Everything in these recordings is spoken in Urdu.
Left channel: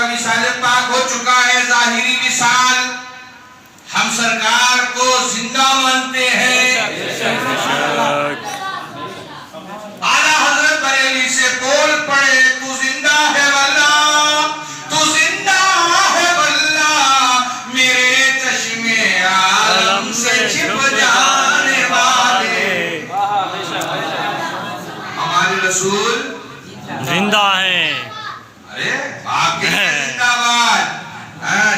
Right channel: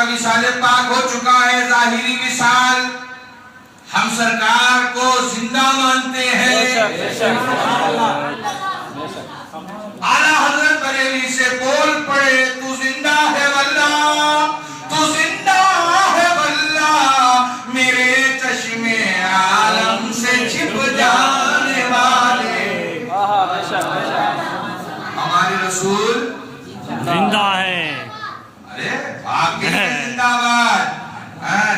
کا وصال پاک ہو چکا ہے، ظاہری وصال. ہم سرکار کو زندہ مانتے ہیں. اعلیٰ حضرت بریلی سے بول پڑے تو زندہ ہے واللہ، تو زندہ ہے واللہ، میرے چشمے عالم سے چھپ جانے والے. ہمارے رسول زندہ ہے. ارے آپ کے زندہ باد.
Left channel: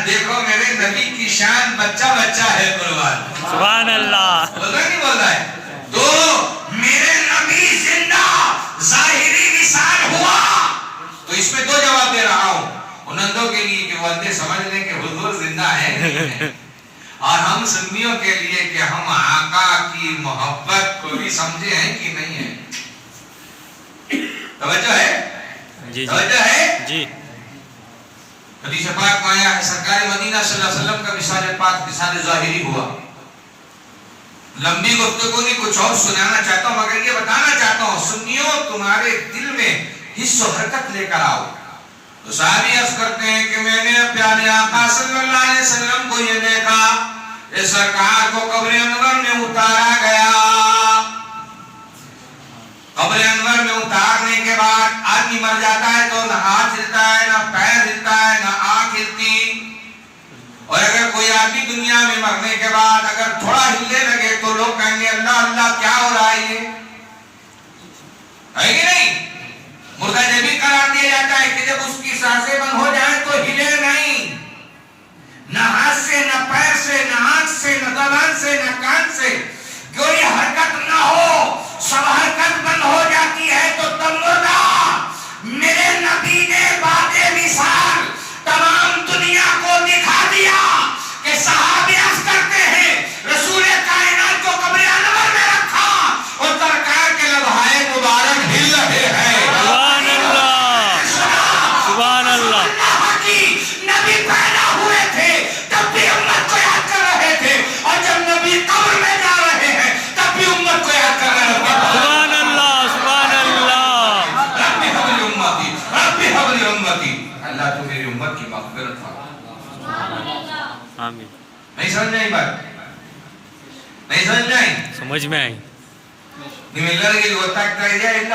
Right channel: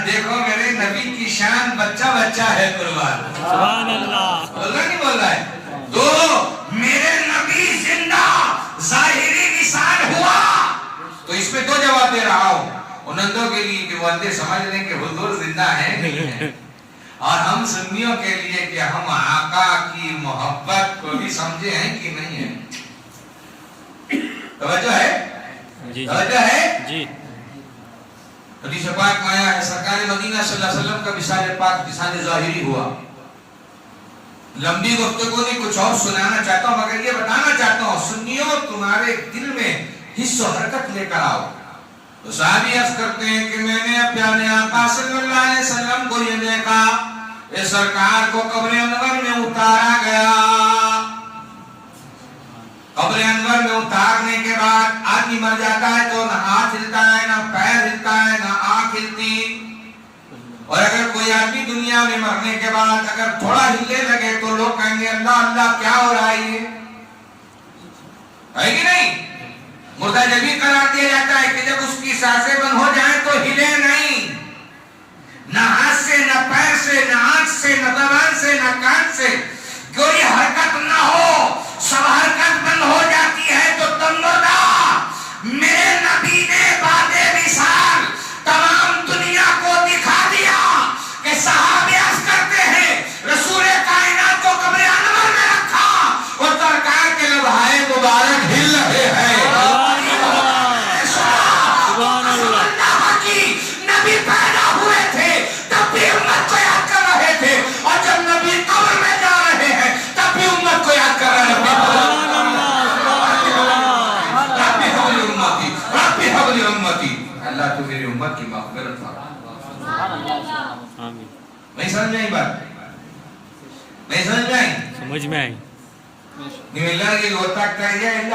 دیکھو میرے نبی کی شان بچہ بچہ ہے قربان. سبحان اللہ. بول رہا نہیں بول رہا ہے؟ تو میرے نبی زندہ ظاہری وصال ہوا. تو اس میں دو جواب دے رہا ہوں ان اندھوں کے لیے کہ وہ اندھے سمجھ لیں کہ حضور زندہ ہے، اور ہم سنیوں کے لیے کہ ہم آقا کی محبت کو بھی سمجھے ہیں کہ نہیں ہے. توجہ ہے؟ جی توجہ ہے؟ جی. حدیث پاک میں آیا ہے سرکار مدینہ صلی اللہ علیہ وسلم کا وصال پاک وصال ظاہری ہوا. لمبی گفتگو نہیں، کچھ اور سنانا چاہتا ہوں، مگر یہ بتانا چاہتا ہوں سنیوں تمہارے دل میں حس و حرکت لے کر آؤ. تو صحابی عرض کرتے ہیں کہ میں نے پیارے آقا صلی اللہ علیہ وسلم کو یہ دیکھا، اس سرکار کو قبر انور میں اتارا گیا. قبر انور میں اتارنے کے بعد آدمی مر جاتا ہے تو نہ ہاتھ ہلتا ہے، نہ پیر ہلتا ہے، نہ آنکھ ہلتی. اور اگر کوئی آدمی دنیا میں مرنے کے بعد اگر تھوڑا ہلنے لگے تو لوگ کہیں گے اللہ اللہ کیا ہو رہا ہے یہ، ہے کہ نہیں؟ مردہ جبھی قرار دیا جاتا ہے کہ جب اس کی سانسیں بند ہو جائیں تو ہلے نہیں، نہ ہاتھ سے، نہ پیر سے، نہ آنکھ سے، نہ زبان سے، نہ کان سے کوئی حرکت نہ ہو. سب حرکت بند ہو جاتی ہے تو تم مردہ. میرے نبی نے بعد وصال تمام دنیا کو دکھا دیا کہ صحابہ عرض کرتے ہیں رسول کائنات کو قبر انور میں رکھا اور سرکار کے لبھائے مبارک ہل رہے ہیں. سبحان اللہ. سبحان اللہ. نبی پیدا ہوئے تھے تب بھی امت کو یاد کر رہے تھے، اور جب نبی قبر میں جا رہے ہیں تب بھی امت کو یاد کر رہے ہیں. سبحان اللہ. سبحان اللہ. ربی حبلی امتی، ربی حبلی امتی. اللہ تو میری امت کی مغفرت فرما. آمین. نہیں سمجھ آئی بات؟ نہیں سمجھ آئی؟ سمجھ میں آئی. ನಿಮ್ಮೆಲ್ಲರಿಗೆ ಗೊತ್ತಾಗ್ತಾ ಇದೆಯಾ ಇಲ್ಲ?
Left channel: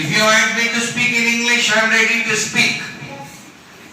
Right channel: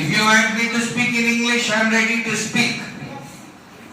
If you want me to speak in English, I am ready to speak.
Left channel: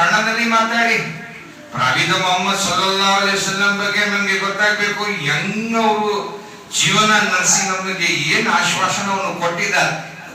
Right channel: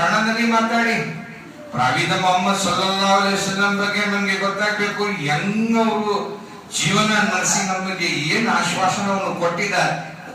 ಕನ್ನಡದಲ್ಲಿ ಮಾತಾಡಿ, ಪ್ರವಾದಿ ಮೊಹಮ್ಮದ್ ಸಲ್ಲಲ್ಲಾಹು ಅಲೈಹಿ ವಸಲ್ಲಂ ಬಗ್ಗೆ ನಮಗೆ ಗೊತ್ತಾಗಬೇಕು, ಹೆಂಗ ಅವರು ಜೀವನ ನಡೆಸಿ ನಮಗೆ ಏನು ಆಶ್ವಾಸನವನ್ನು ಕೊಟ್ಟಿದ್ದಾರೆ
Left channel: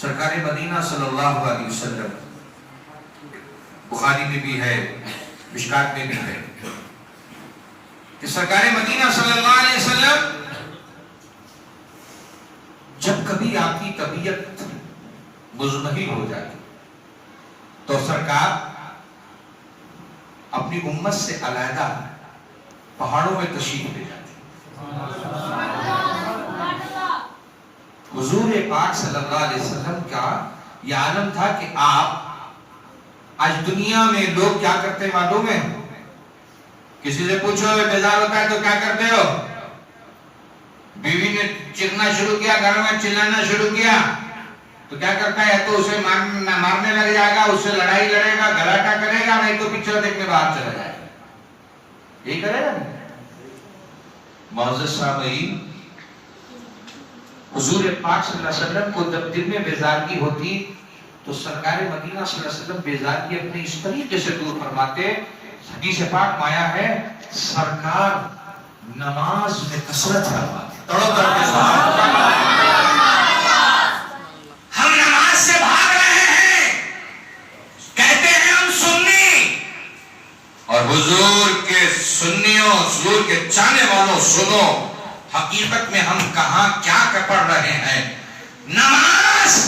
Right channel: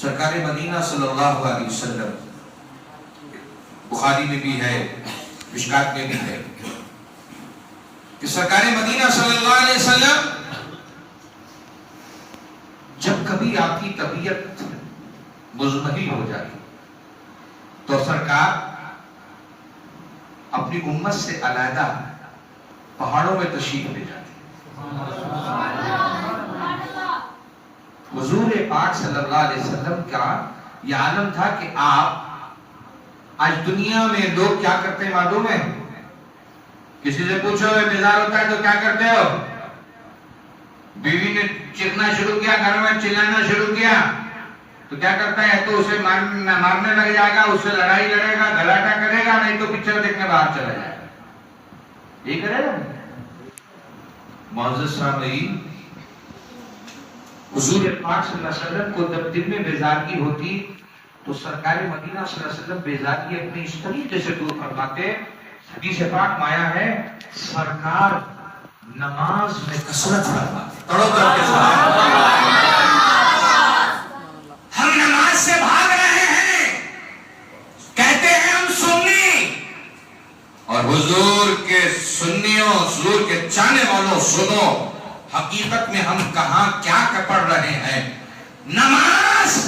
سرکار مدینہ صلی اللہ علیہ وسلم، بخاری میں بھی ہے، مشکات میں بھی ہے کہ سرکار مدینہ صلی اللہ علیہ وسلم جب کبھی آپ کی طبیعت مزمحل ہو جاتی تو سرکار اپنی امت سے علیحدہ پہاڑوں میں تشریف لے جاتے۔ حضور پاک صلی اللہ علیہ وسلم کا یہ عالم تھا کہ آپ آج دنیا میں لوگ کیا کرتے ہیں معلوم ہے؟ کسی سے پوچھو بیزار ہوتا ہے تو کیا کرتے ہو؟ بیوی نے چیخنا شروع کیا، گھر میں چلانا شروع کیا تو کیا کرتا ہے؟ تو اسے مارنے لگ جائے گا، اس سے لڑائی لڑے گا، گھراٹا کرے گا، نہیں تو پکچر دیکھنے باہر چلا جائے گا۔ یہی کرے گا۔ معزز سامعین، حضور پاک صلی اللہ علیہ وسلم کو جب دل میں بیزارگی ہوتی تو سرکار مدینہ صلی اللہ علیہ وسلم بیزارگی اپنی اس طریقے سے دور فرماتے۔ حدیث پاک میں آیا ہے سرکار نماز میں کثرت فرماتے۔ ہم نماز سے بھاگ رہے ہیں، کہتے ہیں ہم سنی، اور حضور کے سنیوں، حضور کے چاہنے والوں سنو، حقیقت میں ہم کہاں کیا پڑھ رہے ہیں؟ نماز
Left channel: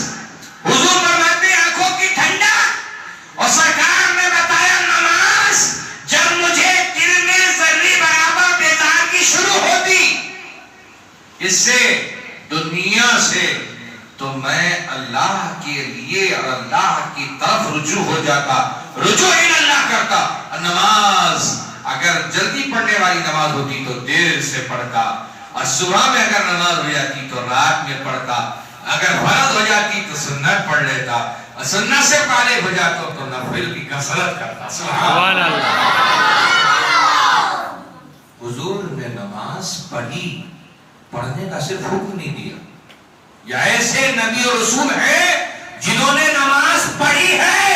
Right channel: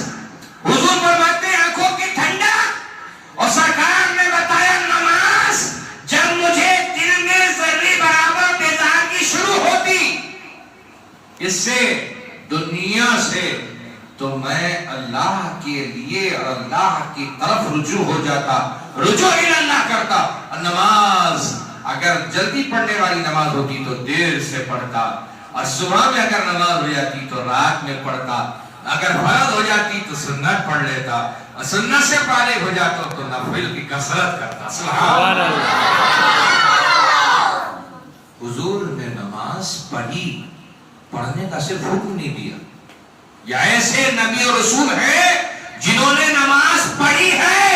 حضور فرماتے ہیں آنکھوں کی ٹھنڈک، اور سرکار نے بتایا نماز جب مجھے دل میں ذرے برابر بیزارگی شروع ہوتی اس سے دنیا سے، تو میں اللہ کے لیے اور اللہ کی طرف رجوع ہو جاتا، رجوع اللہ کرتا۔ نماز اگر جلدی پڑھنے والی نماز ہوتی تو دیر سے پڑھتا، اور صبح میں اگر نماز ہو جاتی تو رات میں پڑھتا، اگر فرض ہو جاتی تو سنت پڑھ لیتا، اور سنت سے پارے ہو جاتا تو نفل کی کثرت کرتا۔ سبحان اللہ۔ حضور نے نماز پڑھی، پڑھنے کا صرف حکم نہیں دیا۔ یہ ایسے نبی اور رسول ہیں جنہوں نے نماز پڑھی ہے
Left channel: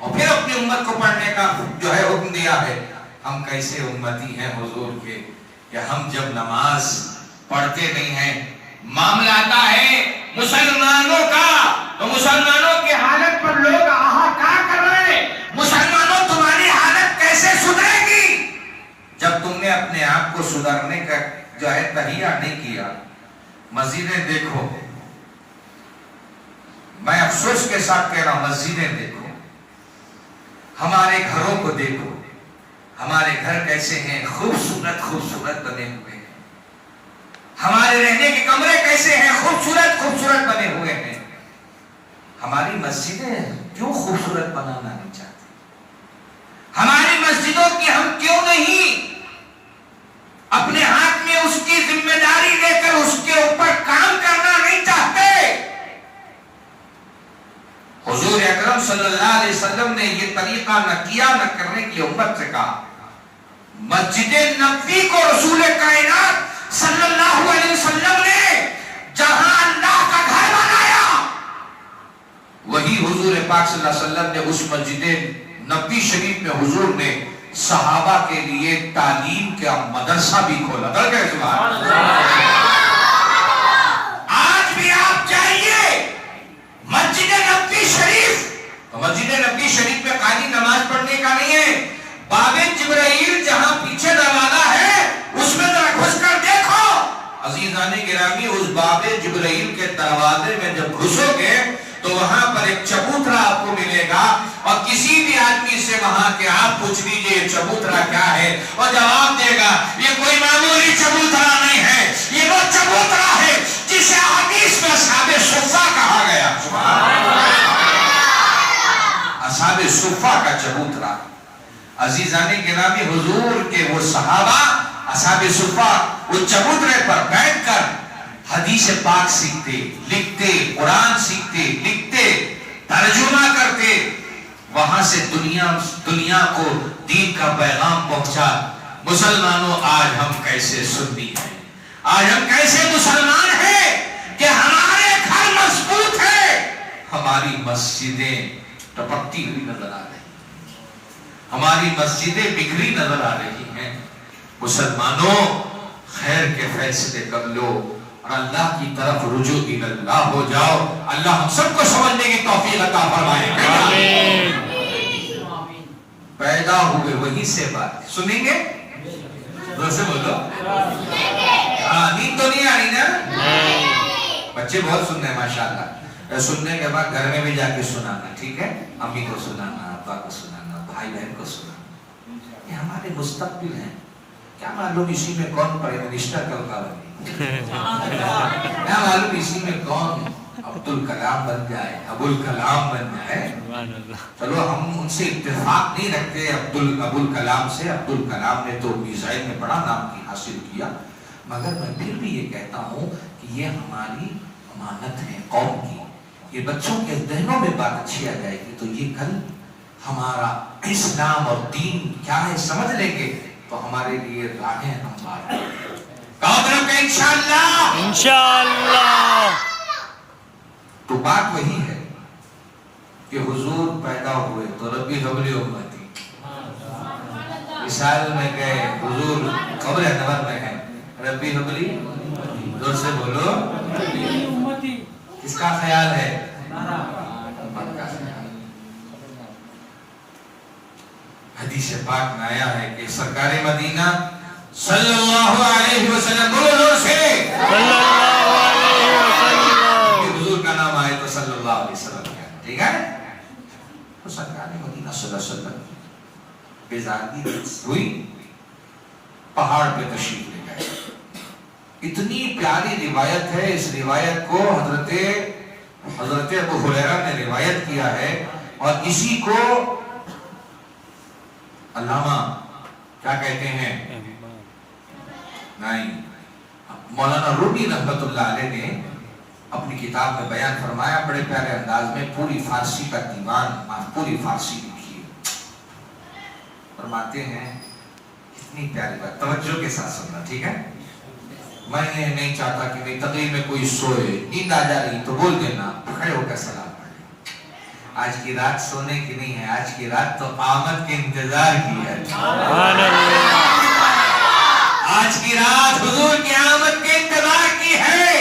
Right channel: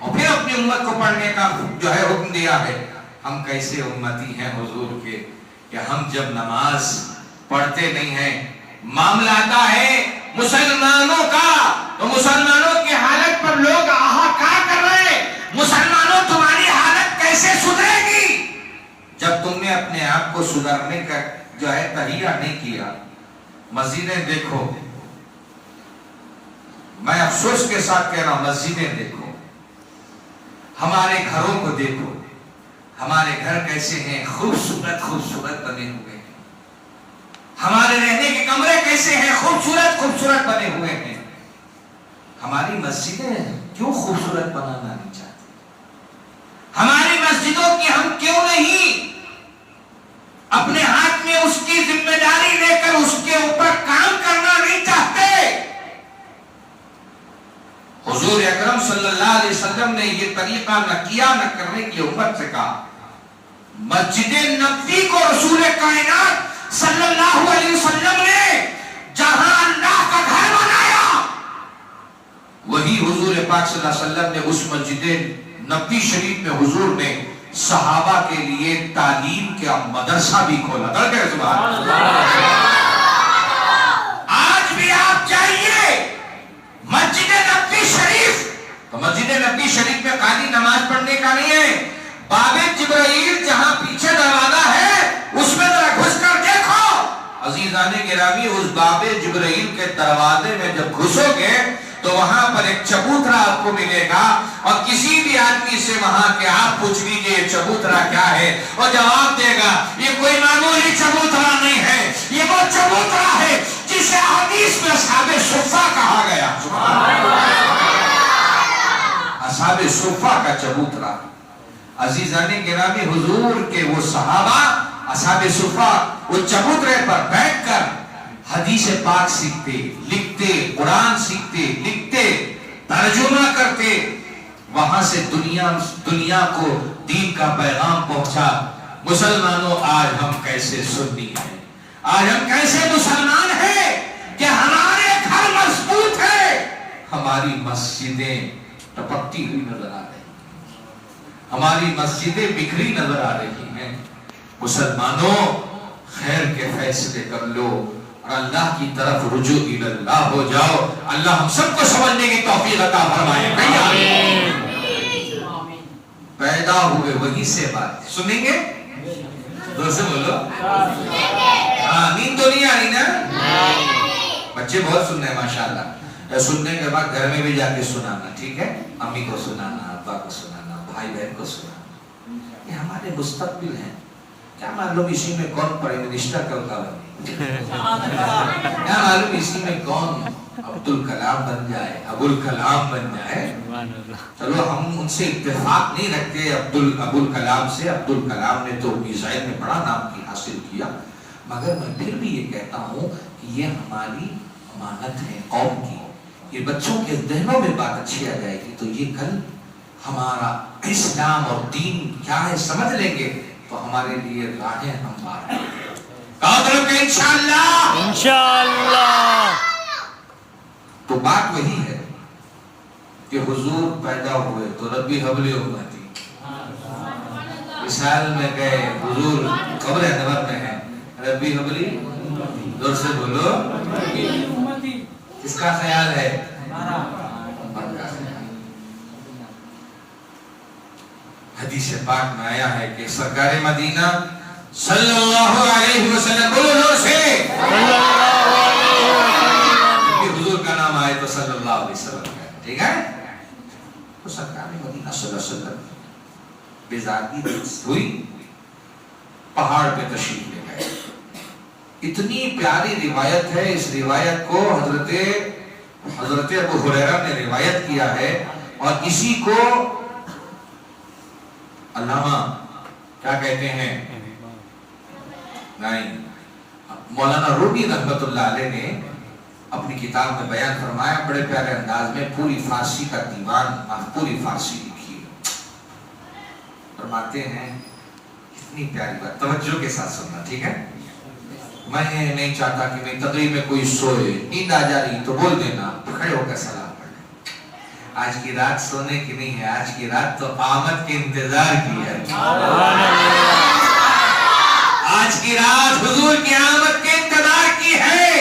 اور پھر اپنی امت کو پڑھنے کا جو ہے حکم دیا ہے۔ ہم کیسے امتی ہیں حضور کے کہ ہم جب نماز پڑھتے نہیں ہیں، معاملہ آتا ہے مسلمانوں کا تو مسلمانوں کی حالت پر لوگ آہا کہا کر رہے ہیں، مسلمانوں تمہاری حالت کیسے سدھرے گی؟ جب تم نے اپنے آپ کو سدھرنے کا جو ہے تہیہ نہیں کیا۔ مسجدیں دیکھو، میں افسوس کے ساتھ کہہ رہا ہوں، مسجدیں دیکھو، ہمارے گھروں کو دیکھو، ہمارے گھر کیسے ہیں، خوبصورت خوبصورت بنے ہوئے ہیں، ہمارے رہنے کے کمرے کیسے ہیں، خوبصورت خوبصورت بنے ہوئے ہیں۔ ہماری مسجدیں کیوں خوبصورت بنانا نہیں چاہتے؟ ہماری مسجدوں کی ہم کیوں نہیں اپنے ہاتھ میں اس کی ذمہ داری لے کر اس کے اوپر کام کرنا نہیں چاہتے؟ حضور اکرم صلی اللہ علیہ وسلم نے یہ طریقہ نہ کیا، نہ کرنے کی امت سے کہا۔ مسجد نبوی کو رسول کائنات صلی اللہ علیہ وسلم نے جہاں اللہ کا گھر بنایا، وہی حضور پاک صلی اللہ علیہ وسلم نے اس مسجد نبوی شریف میں حضور نے صحابہ کے لیے تعلیم کا مدرسہ بھی کھولا۔ سبحان اللہ۔ آج بھی آپ جائیے مسجد نبوی شریف، تو مسجد نبوی شریف میں خالی نماز پڑھنے کا نہیں ہے، باب جبرائیل جہاں پیچھے دروازہ ہے اس میں ذرا گھس کر دیکھو۔ عزیزان گرامی، اس باب جبرائیل کے دروازے میں جب گھسو گے تو وہاں پر ایک چبوترا آپ کو ملے گا، اور کسی بھی آدمی سے وہاں کے آپ پوچھ لیجئے چبوترا کیا ہے، اور جواب دے گا یہ کوئی معمولی چبوترا نہیں ہے، یہ وہ چبوترا ہے جسے حدیث میں اصحاب صفہ کہا گیا۔ اصحاب صفہ کا چبوترا۔ عزیزان گرامی، حضور کے وہ صحابہ اصحاب صفہ وہ چبوترے پر بیٹھ کر حدیث پاک سیکھتے، لکھتے، قرآن سیکھتے، لکھتے، ترجمہ کرتے، وہاں سے دنیا کو دین کا پیغام پہنچا۔ مسلمانوں، آج ہم کیسے سنی ہیں، آج ہم کیسے مسلمان ہیں کہ ہمارے گھر مضبوط ہے، ہماری مسجدیں ٹپکتی ہوئی نظر آ رہی ہیں، ہماری مسجدیں بکھری نظر آ رہی ہیں۔ مسلمانوں، خیر کے فیصلے کر لو، اور اللہ کی طرف رجوع اللہ ہو جاؤ. اللہ ہم سب کو سمجھنے کی توفیق عطا فرمائے. آمین. پیدا ہوئے وہی سے بات سنیں گے. دوسرے بولو آمین. تو نہیں آ رہی نا؟ بچے بہت سن رہے ہیں ماشاءاللہ. سننے کے بعد گھر میں بھی جا کے سنانا, ٹھیک ہے؟ امی کو سنانا, ابا کو سنانا, بھائی بہن کو سنانا. یہ ہمارے مستقبل ہیں. کیا معلوم اسی میں کون پرائم منسٹر کا بنے, کیا معلوم اسی میں کون عبدالکلام بن جائے, ابوالکلام بن جائے. چلو ہم ان سے اتفاق نہیں رکھتے ابوالکلام سے. عبدالکلام نے تو میزائل میں بڑا نام حاصل کیا, مگر میں پھر بھی یہ کہتا ہوں کہ یہ ہماری امانت ہے قوم کی. یہ بچوں کے ذہنوں میں بات اچھی آ جائے گی تو یہ کل ہمارا اسلام اور دین کیا ہے سمجھ لیں گے تو ہمارے لیے راہیں ہموار ہیں. انشاءاللہ انشاءاللہ. تو بات وہی ہے کہ حضور پیدا ہوئے تو ربی حبلی امتی مثال میں گئے. حضور قبر انور میں ہے, ربی حبلی. زور سے بولو امتی. کس کا خیال ہے؟ حدیث پاک میں آیا ہے کہ سرکار مدینہ صلی اللہ علیہ وسلم, بولو زور سے صلی اللہ علیہ وسلم. حضور کا نام آئے تو صلی اللہ علیہ وسلم, ٹھیک ہے؟ تو سرکار مدینہ صلی اللہ علیہ وسلم بیزاری ہوئی, پہاڑ پہ تشریف لے گئے. اتنی پیاری روایت ہے, اس روایت کو حضرت ابو ہریرہ نے روایت کیا ہے, اور اسی کو علامہ کیا کہتے ہیں, نہیں, مولانا رومی رحمت اللہ علیہ نے اپنی کتاب میں بیان فرمایا بڑے پیارے انداز میں. پوری فارسی کا دیوان, پوری فارسی لکھی ہے. فرماتے ہیں اتنی پیاری بات, توجہ کے ساتھ سننا, ٹھیک ہے؟ میں نہیں چاہتا کہ میری تقریر میں کوئی سوئے, نیند آ جا رہی تو بول دینا, کھڑے ہو کر سلام پڑھ. آج کی رات سونے کی نہیں ہے, آج کی رات تو آمد کے انتظار کی ہے. سبحان اللہ. آج کی رات حضور کی آمد کے انتظار کی ہے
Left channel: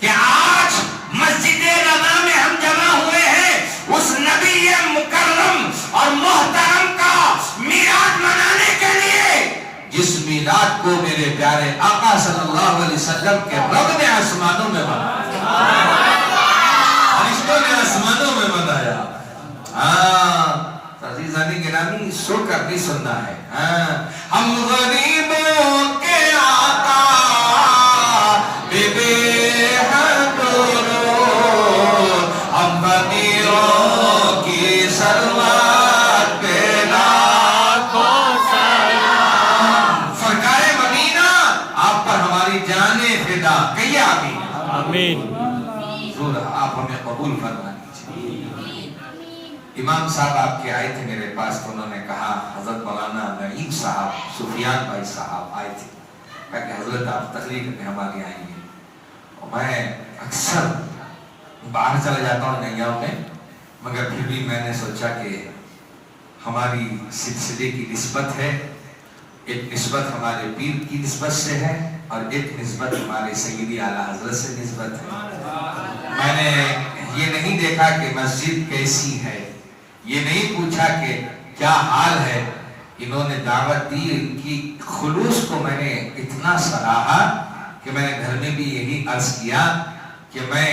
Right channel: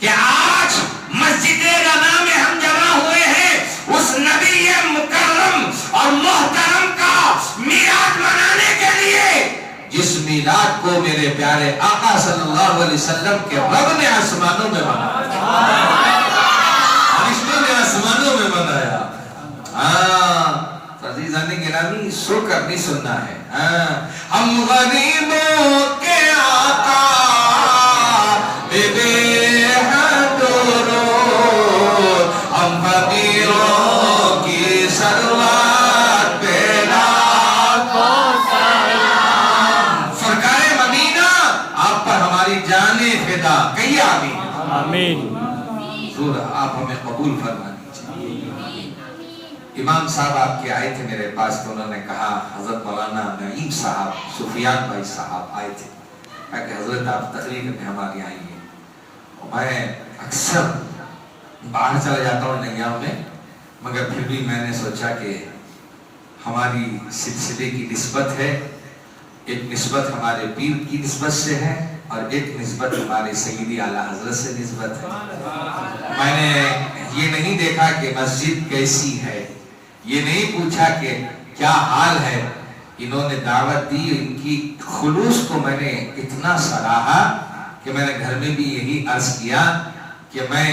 کہ آج مسجد رضا میں ہم جمع ہوئے ہیں اس نبی مکرم اور محترم کا میلاد منانے کے لیے, جس میلاد کو میرے پیارے آقا صلی اللہ علیہ وسلم کے رب نے آسمانوں میں بنایا, فرشتوں نے آسمانوں میں بنایا. عزیزان گرامی سو کر نہیں سننا ہے. ہم غریبوں کے آقا بے حد رو, ہم فقیروں کی سروت پہ لاکھوں سلام. سرکار مدینہ آپ پر ہماری جانیں فدا. کہیے آمین. آمین. حضور آپ ہمیں قبول فرما دیجیے. امام صاحب آپ کے آئے تھے میرے پاس تو انہوں نے کہا حضرت مولانا نعیم صاحب, سفیان بھائی صاحب آئے تھے, کہا کہ حضرت آپ تقریر میں ہماری آئیں گے. میں اکثر باہر چلا جاتا ہوں نیام میں, مگر پھر بھی میں نے سوچا کہ ہماری سلسلے کی نسبت ہے, ایک نسبت ہمارے پیر کی نسبت سے ہے اور ایک نسبت ہمارے سیدی اعلیٰ حضرت سے نسبت ہے. میں نے یہ نہیں دیکھا کہ مسجد کیسی ہے, یہ نہیں پوچھا کہ کیا حال ہے. انہوں نے دعوت دی, ان کی خلوص کو میں نے اتنا سراہا کہ میں نے گھر میں بھی یہی عرض کیا کہ میں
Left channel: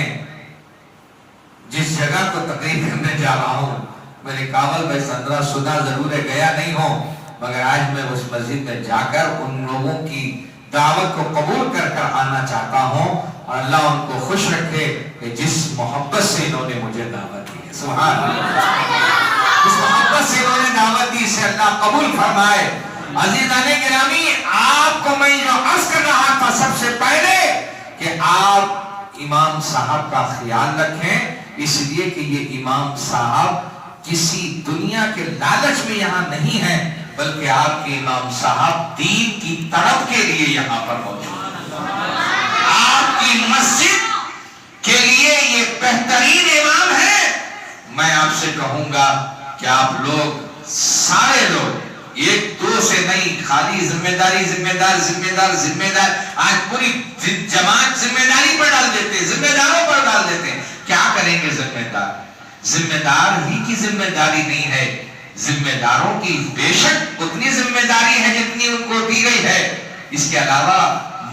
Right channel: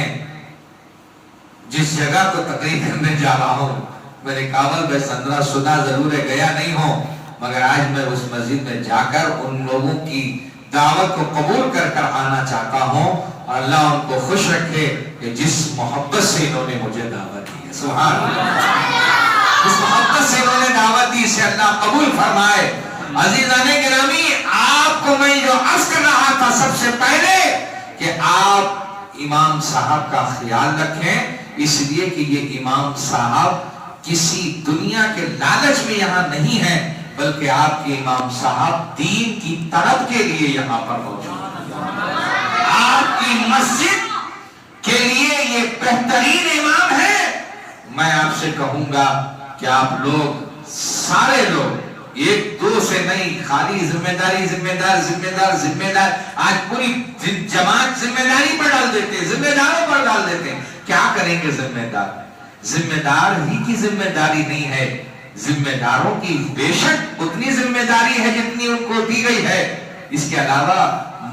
جس جگہ کو تقریر کرنے جا رہا ہوں, میرے کابل بھائی سندرا سنا ضرور ہے, گیا نہیں ہوں, مگر آج میں اس مسجد میں جا کر ان لوگوں کی دعوت کو قبول کر کر آنا چاہتا ہوں, اور اللہ ان کو خوش رکھے کہ جس محبت سے انہوں نے مجھے دعوت دی ہے. سبحان اللہ. جس محبت سے انہوں نے دعوت دی سے اللہ قبول فرمائے. عزیزان گرامی, آپ کو میں جو عرض کر رہا تھا سب سے پہلے کہ آپ امام صاحب کا خیال رکھیں, اس لیے کہ یہ امام صاحب کسی دنیا کے لالچ میں یہاں نہیں ہے, بلکہ آپ کے امام صاحب دین کی طرف کے لیے یہاں پر موجود ہیں. آپ کی مسجد کے لیے یہ بہترین امام ہے. میں آپ سے کہوں گا کہ آپ لوگ سارے لوگ ایک دو سے نہیں، خالی ذمہ داری، ذمہ دار، ذمہ دار، ذمہ دار. آج پوری جماعت ذمہ داری پر ڈال دیتے ہیں، ذمہ داروں پر ڈال دیتے ہیں. کیا کریں گے ذمہ دار؟ ذمہ دار ہی کی ذمہ داری نہیں ہے، ذمہ داروں کی بے شک اتنی ذمہ داری ہے جتنی ان کو دی گئی ہے. اس کے علاوہ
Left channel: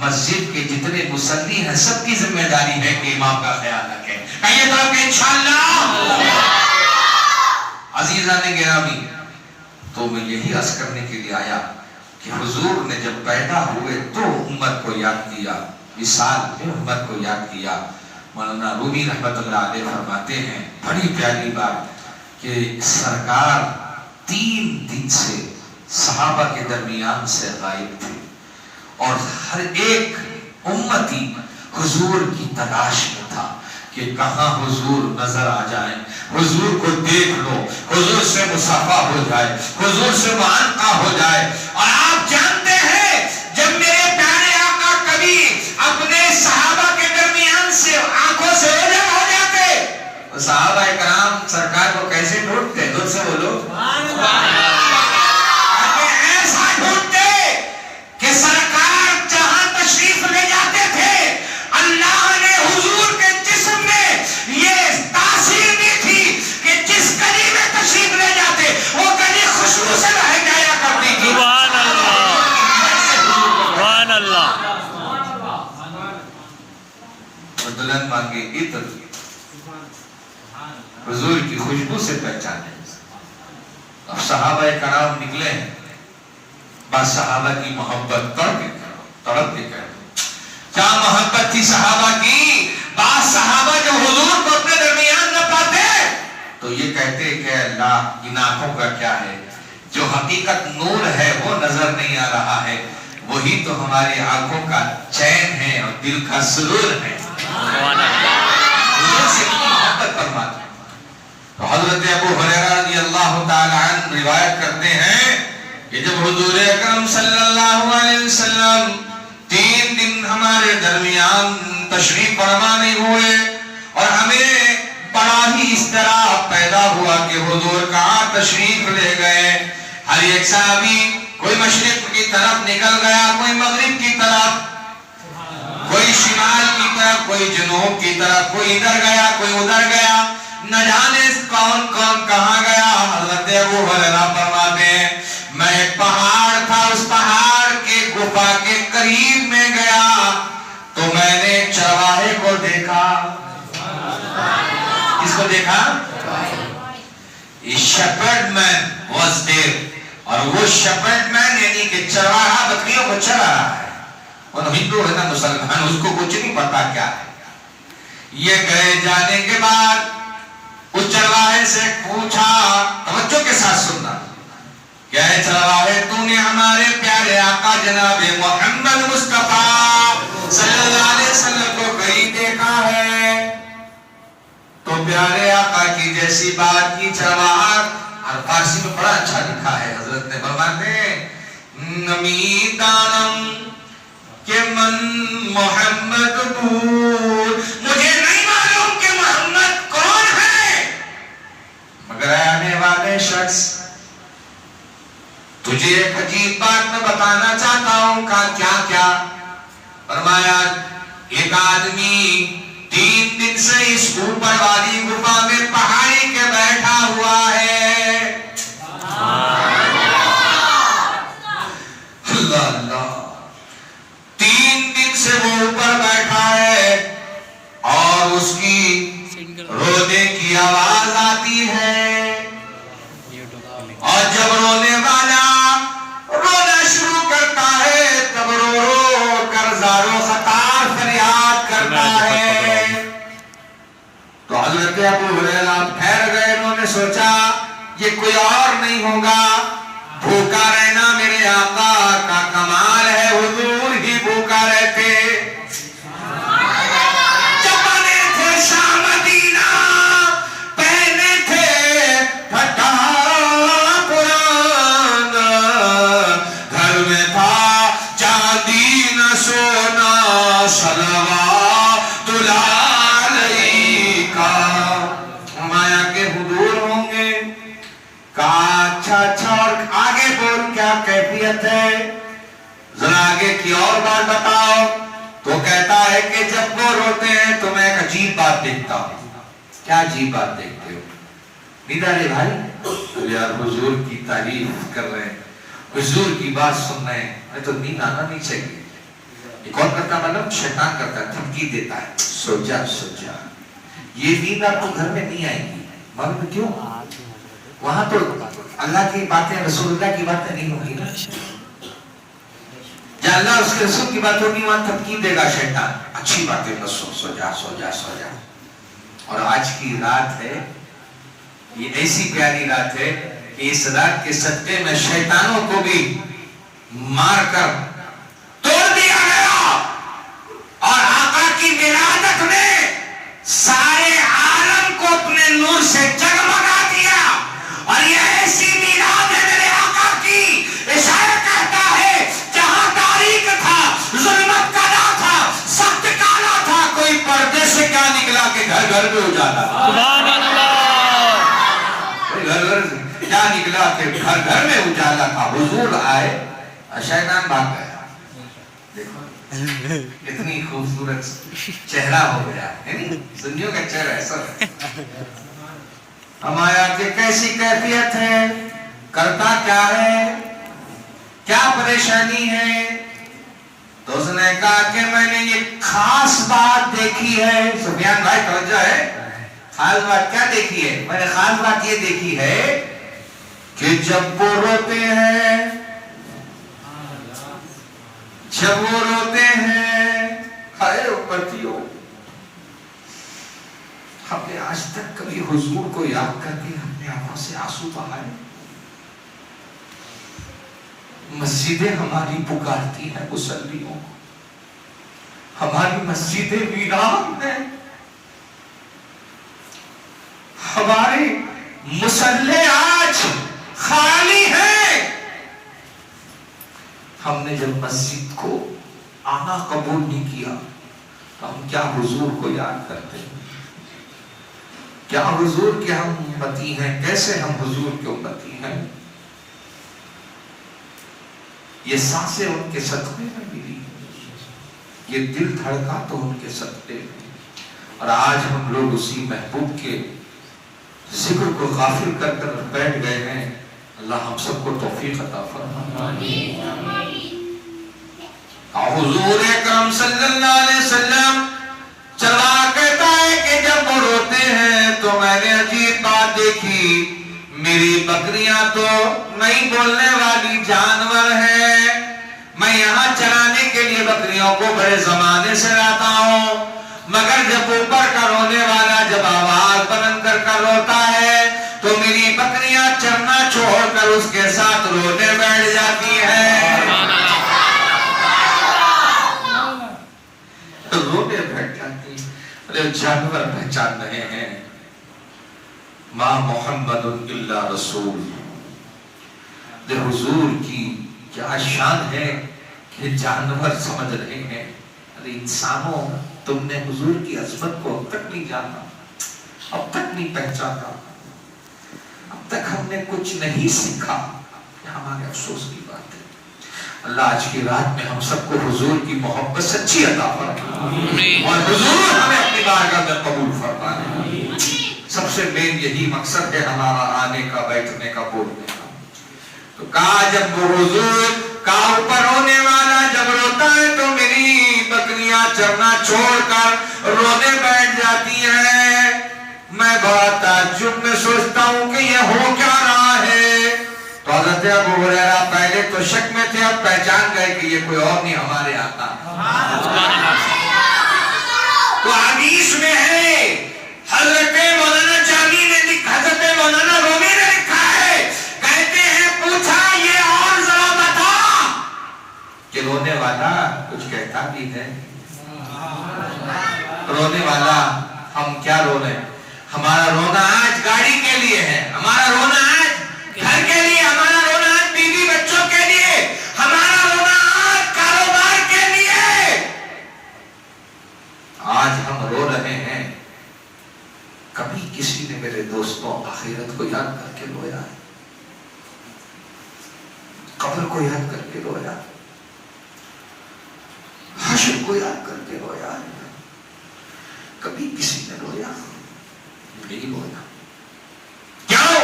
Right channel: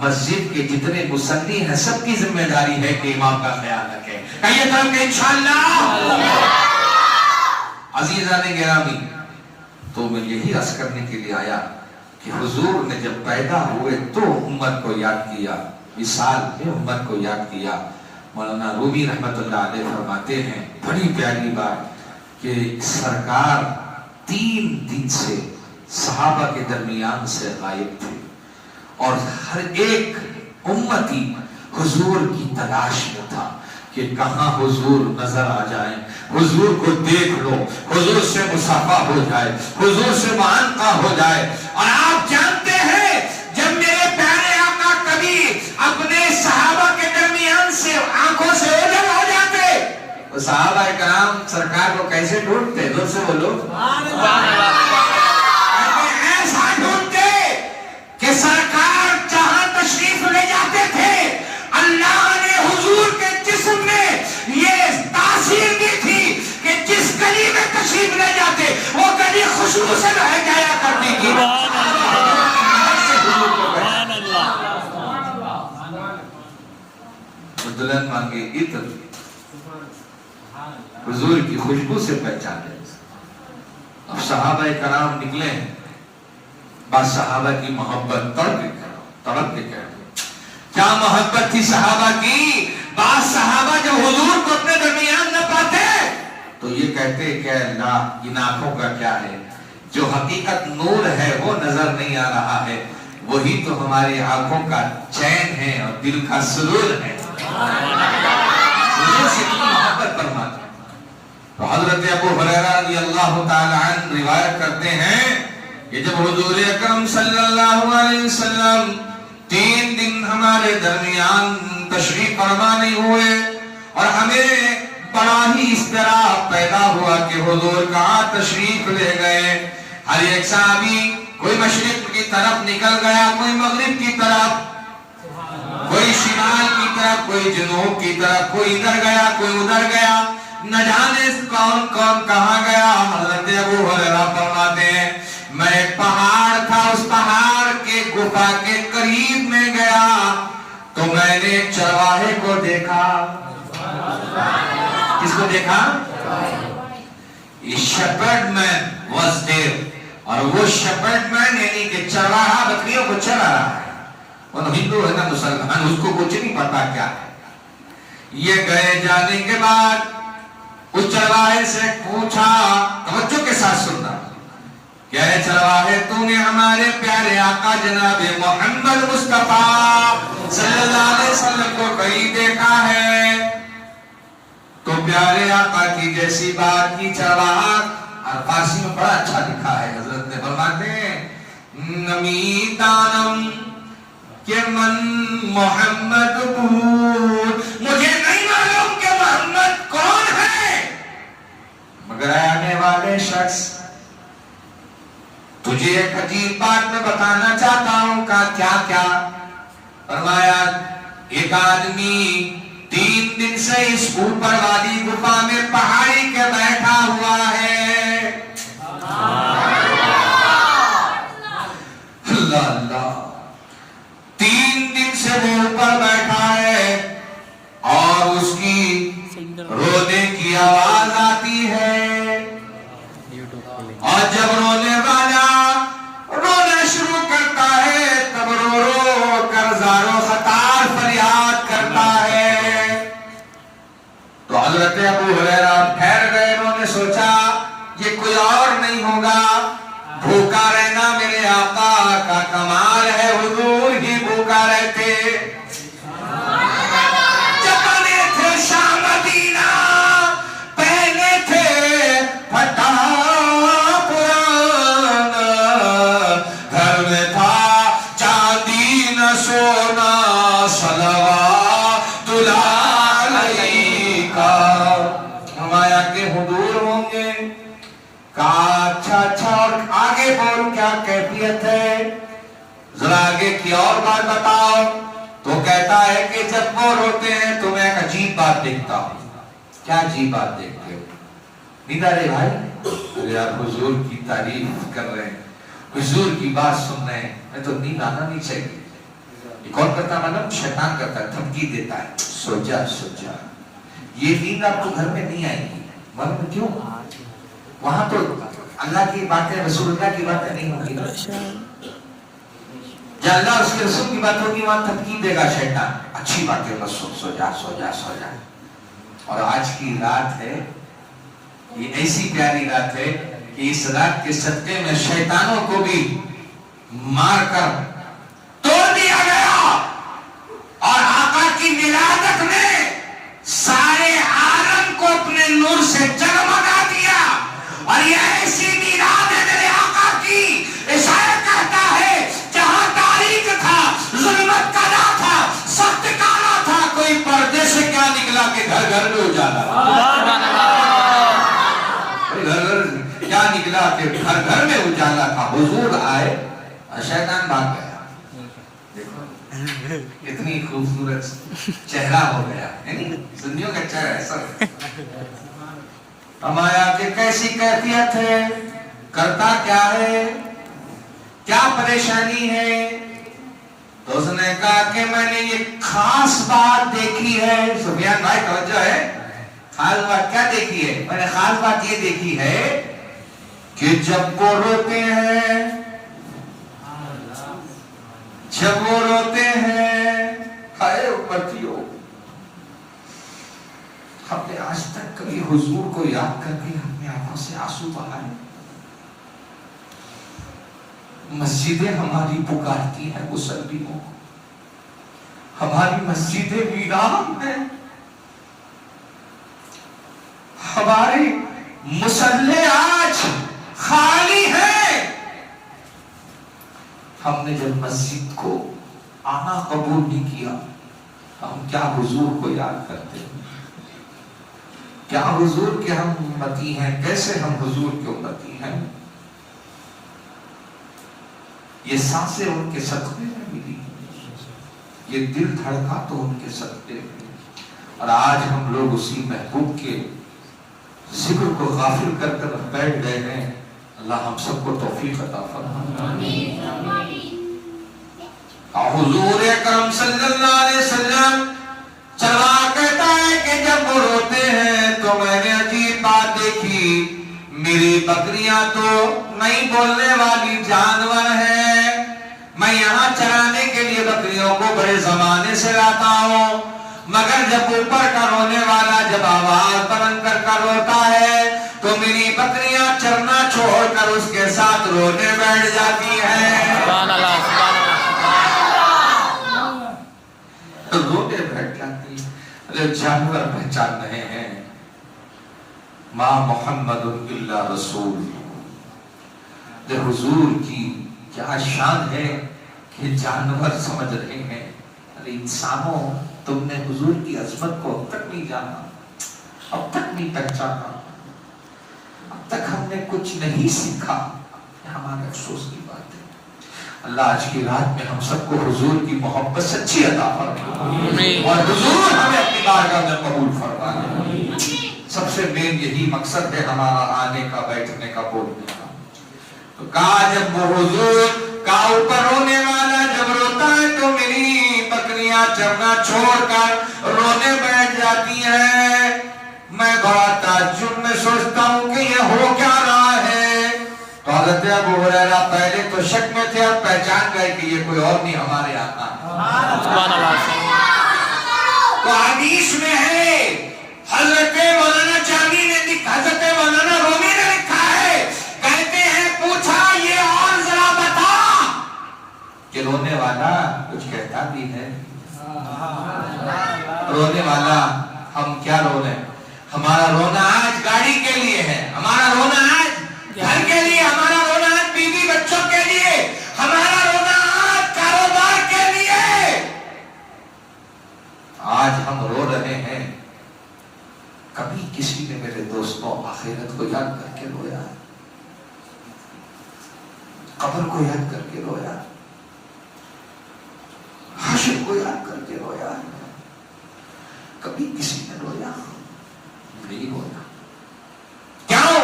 مسجد کے جتنے مصلی ہیں سب کی ذمہ داری ہے کہ امام کا خیال رکھیں. کہیے تو کہ انشاءاللہ. عزیزان گرامی، تو میں یہی عرض کرنے کے لیے آیا کہ حضور نے جب پیدا ہوئے تو امت کو یاد کیا، مثال میں امت کو یاد کیا. مولانا رومی رحمت اللہ علیہ فرماتے ہیں بڑی پیاری بات کہ سرکار 3 دن سے صحابہ کے درمیان سے غائب تھے اور ہر ایک امتی حضور کی تلاش میں تھا کہ کہاں حضور نظر آ جائیں، حضور کو دیکھ لو، حضور سے مصافحہ ہو جائے، حضور سے معانقہ ہو جائے. اور آپ جانتے ہیں جب میرے پیارے آقا کبھی اپنے صحابہ کے درمیان سے آنکھوں سے اوجھل ہو جاتے تو صحابہ کرام سرکار کو کیسے ڈھونڈتے؟ جو سے بولو ایسا ڈھونڈتے کہ سرکار جہاں تشریف لے جاتے تھے اللہ نے حضور کے جسم میں یہ تاثیر دی تھی کہ جس گلی میں تشریف لے جاتے وہ گلی خوشبو سے بھر جایا کرتی تھی. سبحان اللہ، سبحان اللہ. دلہن مانگے عطر، حضور کی خوشبو سے پہچانے. اب صحابہ کرام نکلے ہیں، بعض صحابہ کی محبت تڑپ کے کہتے کیا محبت تھی صحابہ کی. بعض صحابہ جب حضور کو اپنے درمیان نہ پاتے تو یہ کہتے کہ اللہ ان آنکھوں کا کیا ہے، جو حقیقت نور ہے وہ نظر نہیں آ رہا ہے، وہی تو ہماری آنکھوں کا چین ہے اور دل کا سرور ہے. حضور سے کتنی محبت فرماتے. تو حضرت ابو ہریرہ رضی اللہ تعالی عنہ روایت کرتے ہیں کہ جب حضور اکرم صلی اللہ علیہ وسلم 3 دن ہمارے درمیان تشریف فرما نہیں ہوئے اور ہمیں بڑا ہی اضطراب پیدا ہوا کہ حضور کہاں تشریف لے گئے. ہر ایک صحابی کوئی مشرق کی طرف نکل گیا، کوئی مغرب کی طرف، کوئی شمال کی طرف، کوئی جنوب کی طرف، کوئی ادھر گیا کوئی ادھر گیا، نہ جانے کون کون کہاں گیا. حضرت ابو ہریرہ فرماتے ہیں میں ایک پہاڑ تھا، اس پہاڑ کے گفا کے قریب میں گیا تو میں نے ایک چرواہے کو دیکھا. کس کو دیکھا؟ shepherd man was there. اور وہ shepherd man یعنی کہ چرواہا بکریوں کو چرا رہا ہے. وہ ہندو ہے نا مسلمان، اس کو کچھ نہیں پتا کیا. یہ گئے جانے کے بعد اس چرواہے سے پوچھا، توجہ کے ساتھ سننا، کہ اے چرواہے تو نے ہمارے پیارے آقا جناب محمد مصطفیٰ صلی اللہ علیہ وسلم کو کہیں دیکھا ہے؟ تو پیارے آقا کی جیسی بات کی چرواہا، اور فارسی میں بڑا اچھا لکھا ہے، حضرت نے فرماتے ہیں نمیتانم کہ من محمد بول، مجھے نہیں معلوم کہ محمد کون ہے، مگر آنے والے شخص تجھے ایک عجیب بات میں بتانا چاہتا ہوں. کہا کیا کیا؟ فرمایا ایک آدمی 3 دن سے اس اوپر والی گفا میں پہاڑی کے بیٹھا ہوا ہے. اللہ اللہ، 3 دن سے وہ اوپر بیٹھا ہے اور اس کی رونے کی آواز آتی ہے، اور جب رونے والا رونا شروع کرتا ہے تب رو رو کر زارو خطار فریاد کرتا ہے. تو حضرت ابو ہریرہ ٹھہر گئے. انہوں نے سوچا یہ کوئی اور نہیں ہوگا، بھوکا رہنا میرے آقا کا کمال ہے، حضور ہی بھوکا رہتے. اچھا اچھا، اور آگے بول کیا کہتا ہے کہ جب وہ روتے ہیں تو میں ایک عجیب بات دیکھتا ہوں. کیا عجیب بات دیکھتے ہو؟ نیند آ رہی بھائی؟ یار حضور کی تعریف کر رہے ہیں, حضور کی بات سن رہے ہیں, تو نیند آنا نہیں چاہیے. یہ کون کرتا معلوم؟ شیطان کرتا ہے, دھمکی دیتا ہے, سو جا سو جا. یہ نیند آپ کو گھر میں نہیں آئے گی. معلوم کیوں؟ وہاں تو اللہ کی باتیں, رسول اللہ کی باتیں نہیں ہوگی نا. جہاں اللہ اس کے رسول کی بات ہوگی وہاں دھمکی دے گا شیطان, اچھی باتیں بس سن, سو جا سو جا سو جا. اور آج کی رات ہے, یہ ایسی پیاری رات ہے کہ اس رات کے صدقے میں شیطانوں کو بھی مار کر توڑ دیا گیا, اور آقا کی ولادت نے سارے عالم کو اپنے نور سے جگمگا دیا. اور یہ ایسی میلاد ہے میرے آقا کی, اشارہ کہتا ہے جہاں تاریخ تھا, ظلمت کا نہ تھا, سخت کالا تھا, کوئی پردے سے کیا نکلا کہ گھر گھر میں اجالا. گھر گھر کیا نکلا کہ گھر گھر میں اجالا تھا. حضور آئے, شیطان بھاگ گیا. دیکھو اتنی خوبصورت چہرہ ہو گیا, سنیوں کا چہرہ ایسا. ہمارا کہ کیسی کیفیت ہے, کرتا کیا ہے, کیا پریشانی ہے؟ تو اس نے کہا کہ میں نے یہ خاص بات دیکھی ہے. سفیان بھائی توجہ ہے, خاص بات کیا دیکھی ہے؟ میں نے خاص بات یہ دیکھی ہے کہ جب وہ روتے ہیں, جب وہ روتے ہیں, ہائے امتیوں, ہم نے آج تک کبھی حضور کو یاد کر کے اپنے آنکھوں سے آنسو بہائے؟ مسجدیں ہماری پکارتی ہیں مصلیوں کو, ہماری مسجدیں ویران ہیں, ہماری مصلی آج خالی ہے. ہم نے جب مسجد کو آنا قبول نہیں کیا, ہم کیا حضور کو یاد کرتے ہیں؟ کیا حضور کے ہم امتی ہیں؟ کیسے ہم حضور کے امتی ہیں؟ یہ سانسیں ان کے صدقے میں ملی, یہ دل دھڑکا تو ان کے صدقے میں. اور آج ہم لوگ اسی محبوب کے ذکر کو غافل کر کر بیٹھ گئے ہیں. اللہ ہم سب کو توفیق عطا فرمائے. حضور اکرم صلی اللہ علیہ وسلم چلا کہتا ہے کہ جب وہ روتے ہیں تو میں نے عجیب بات دیکھی. میری بکریاں تو نہیں بولنے والی جانور ہیں, میں یہاں چرانے کے لیے بکریوں کو بڑے زمانے سے لاتا ہوں, مگر جب اوپر کا رونے والا جب آواز بلند کر روتا ہے تو میری بکریاں چرنا چھوڑ کر اس کے ساتھ رونے بیٹھ جاتی ہیں. رونے بیٹھ جاتی ہیں. جانور پہچان رہے ہیں ما محمد الا رسول. حضور کی کیا شان ہے کہ جانور سمجھ رہے ہیں. ارے انسانوں, تم نے حضور کی عظمت کو اب تک نہیں جانا, اب تک نہیں پہچانا, اب تک ہم نے کچھ نہیں سیکھا. یہ ہمارے افسوس کی بات ہے. اللہ آج کی رات میں ہم سب کو حضور کی محبت سچی عطا فرمائے, اور حضور ہمیں اپنی بارگاہ میں قبول فرمائے. سب سے مین یہی مقصد ہے ہمارا آنے کا, بیٹھنے کا, بولنے کا. تو کہا جب وہ حضور کا اوپر رونے والا جب روتا ہے تو میری بکریاں چرنا چھوڑ کر رونے بیٹھ جاتی ہیں. میں بڑا تعجب میں سوچتا ہوں کہ یہ ہو کیا رہا ہے. تو حضرت ابو ہریرہ پہلے تو شک میں تھے, اب پہچان گئے کہ یہ کوئی اور نہیں, ہمارے آقا ہے. تو حدیث میں ہے, حضرت مولانا جامی نے حضرت مولانا رومی نے لکھا ہے, کہتے ہیں پوچھا یہ اور ذرا بتا کہ رونے والا کچھ کہتا بھی ہے. رونے والا ہم کیا رو رہے ہیں؟ ہمارا رونا آج گاڑی کے لیے ہے, ہمارا رونا آج گھر کے لیے, ہمارا رونا آج بیوی بچوں کے لیے, ہمارا رونا آج کاروبار کے لیے. آج ہم رو رہے ہیں. کبھی کسی نے میرے دوستوں آخرت کو یاد کر کے رویا, قبر کو یاد کر کے رویا, حشر کو یاد کر کے رویا؟ کبھی کسی نے رویا؟ نہیں رویا. کیا ہو؟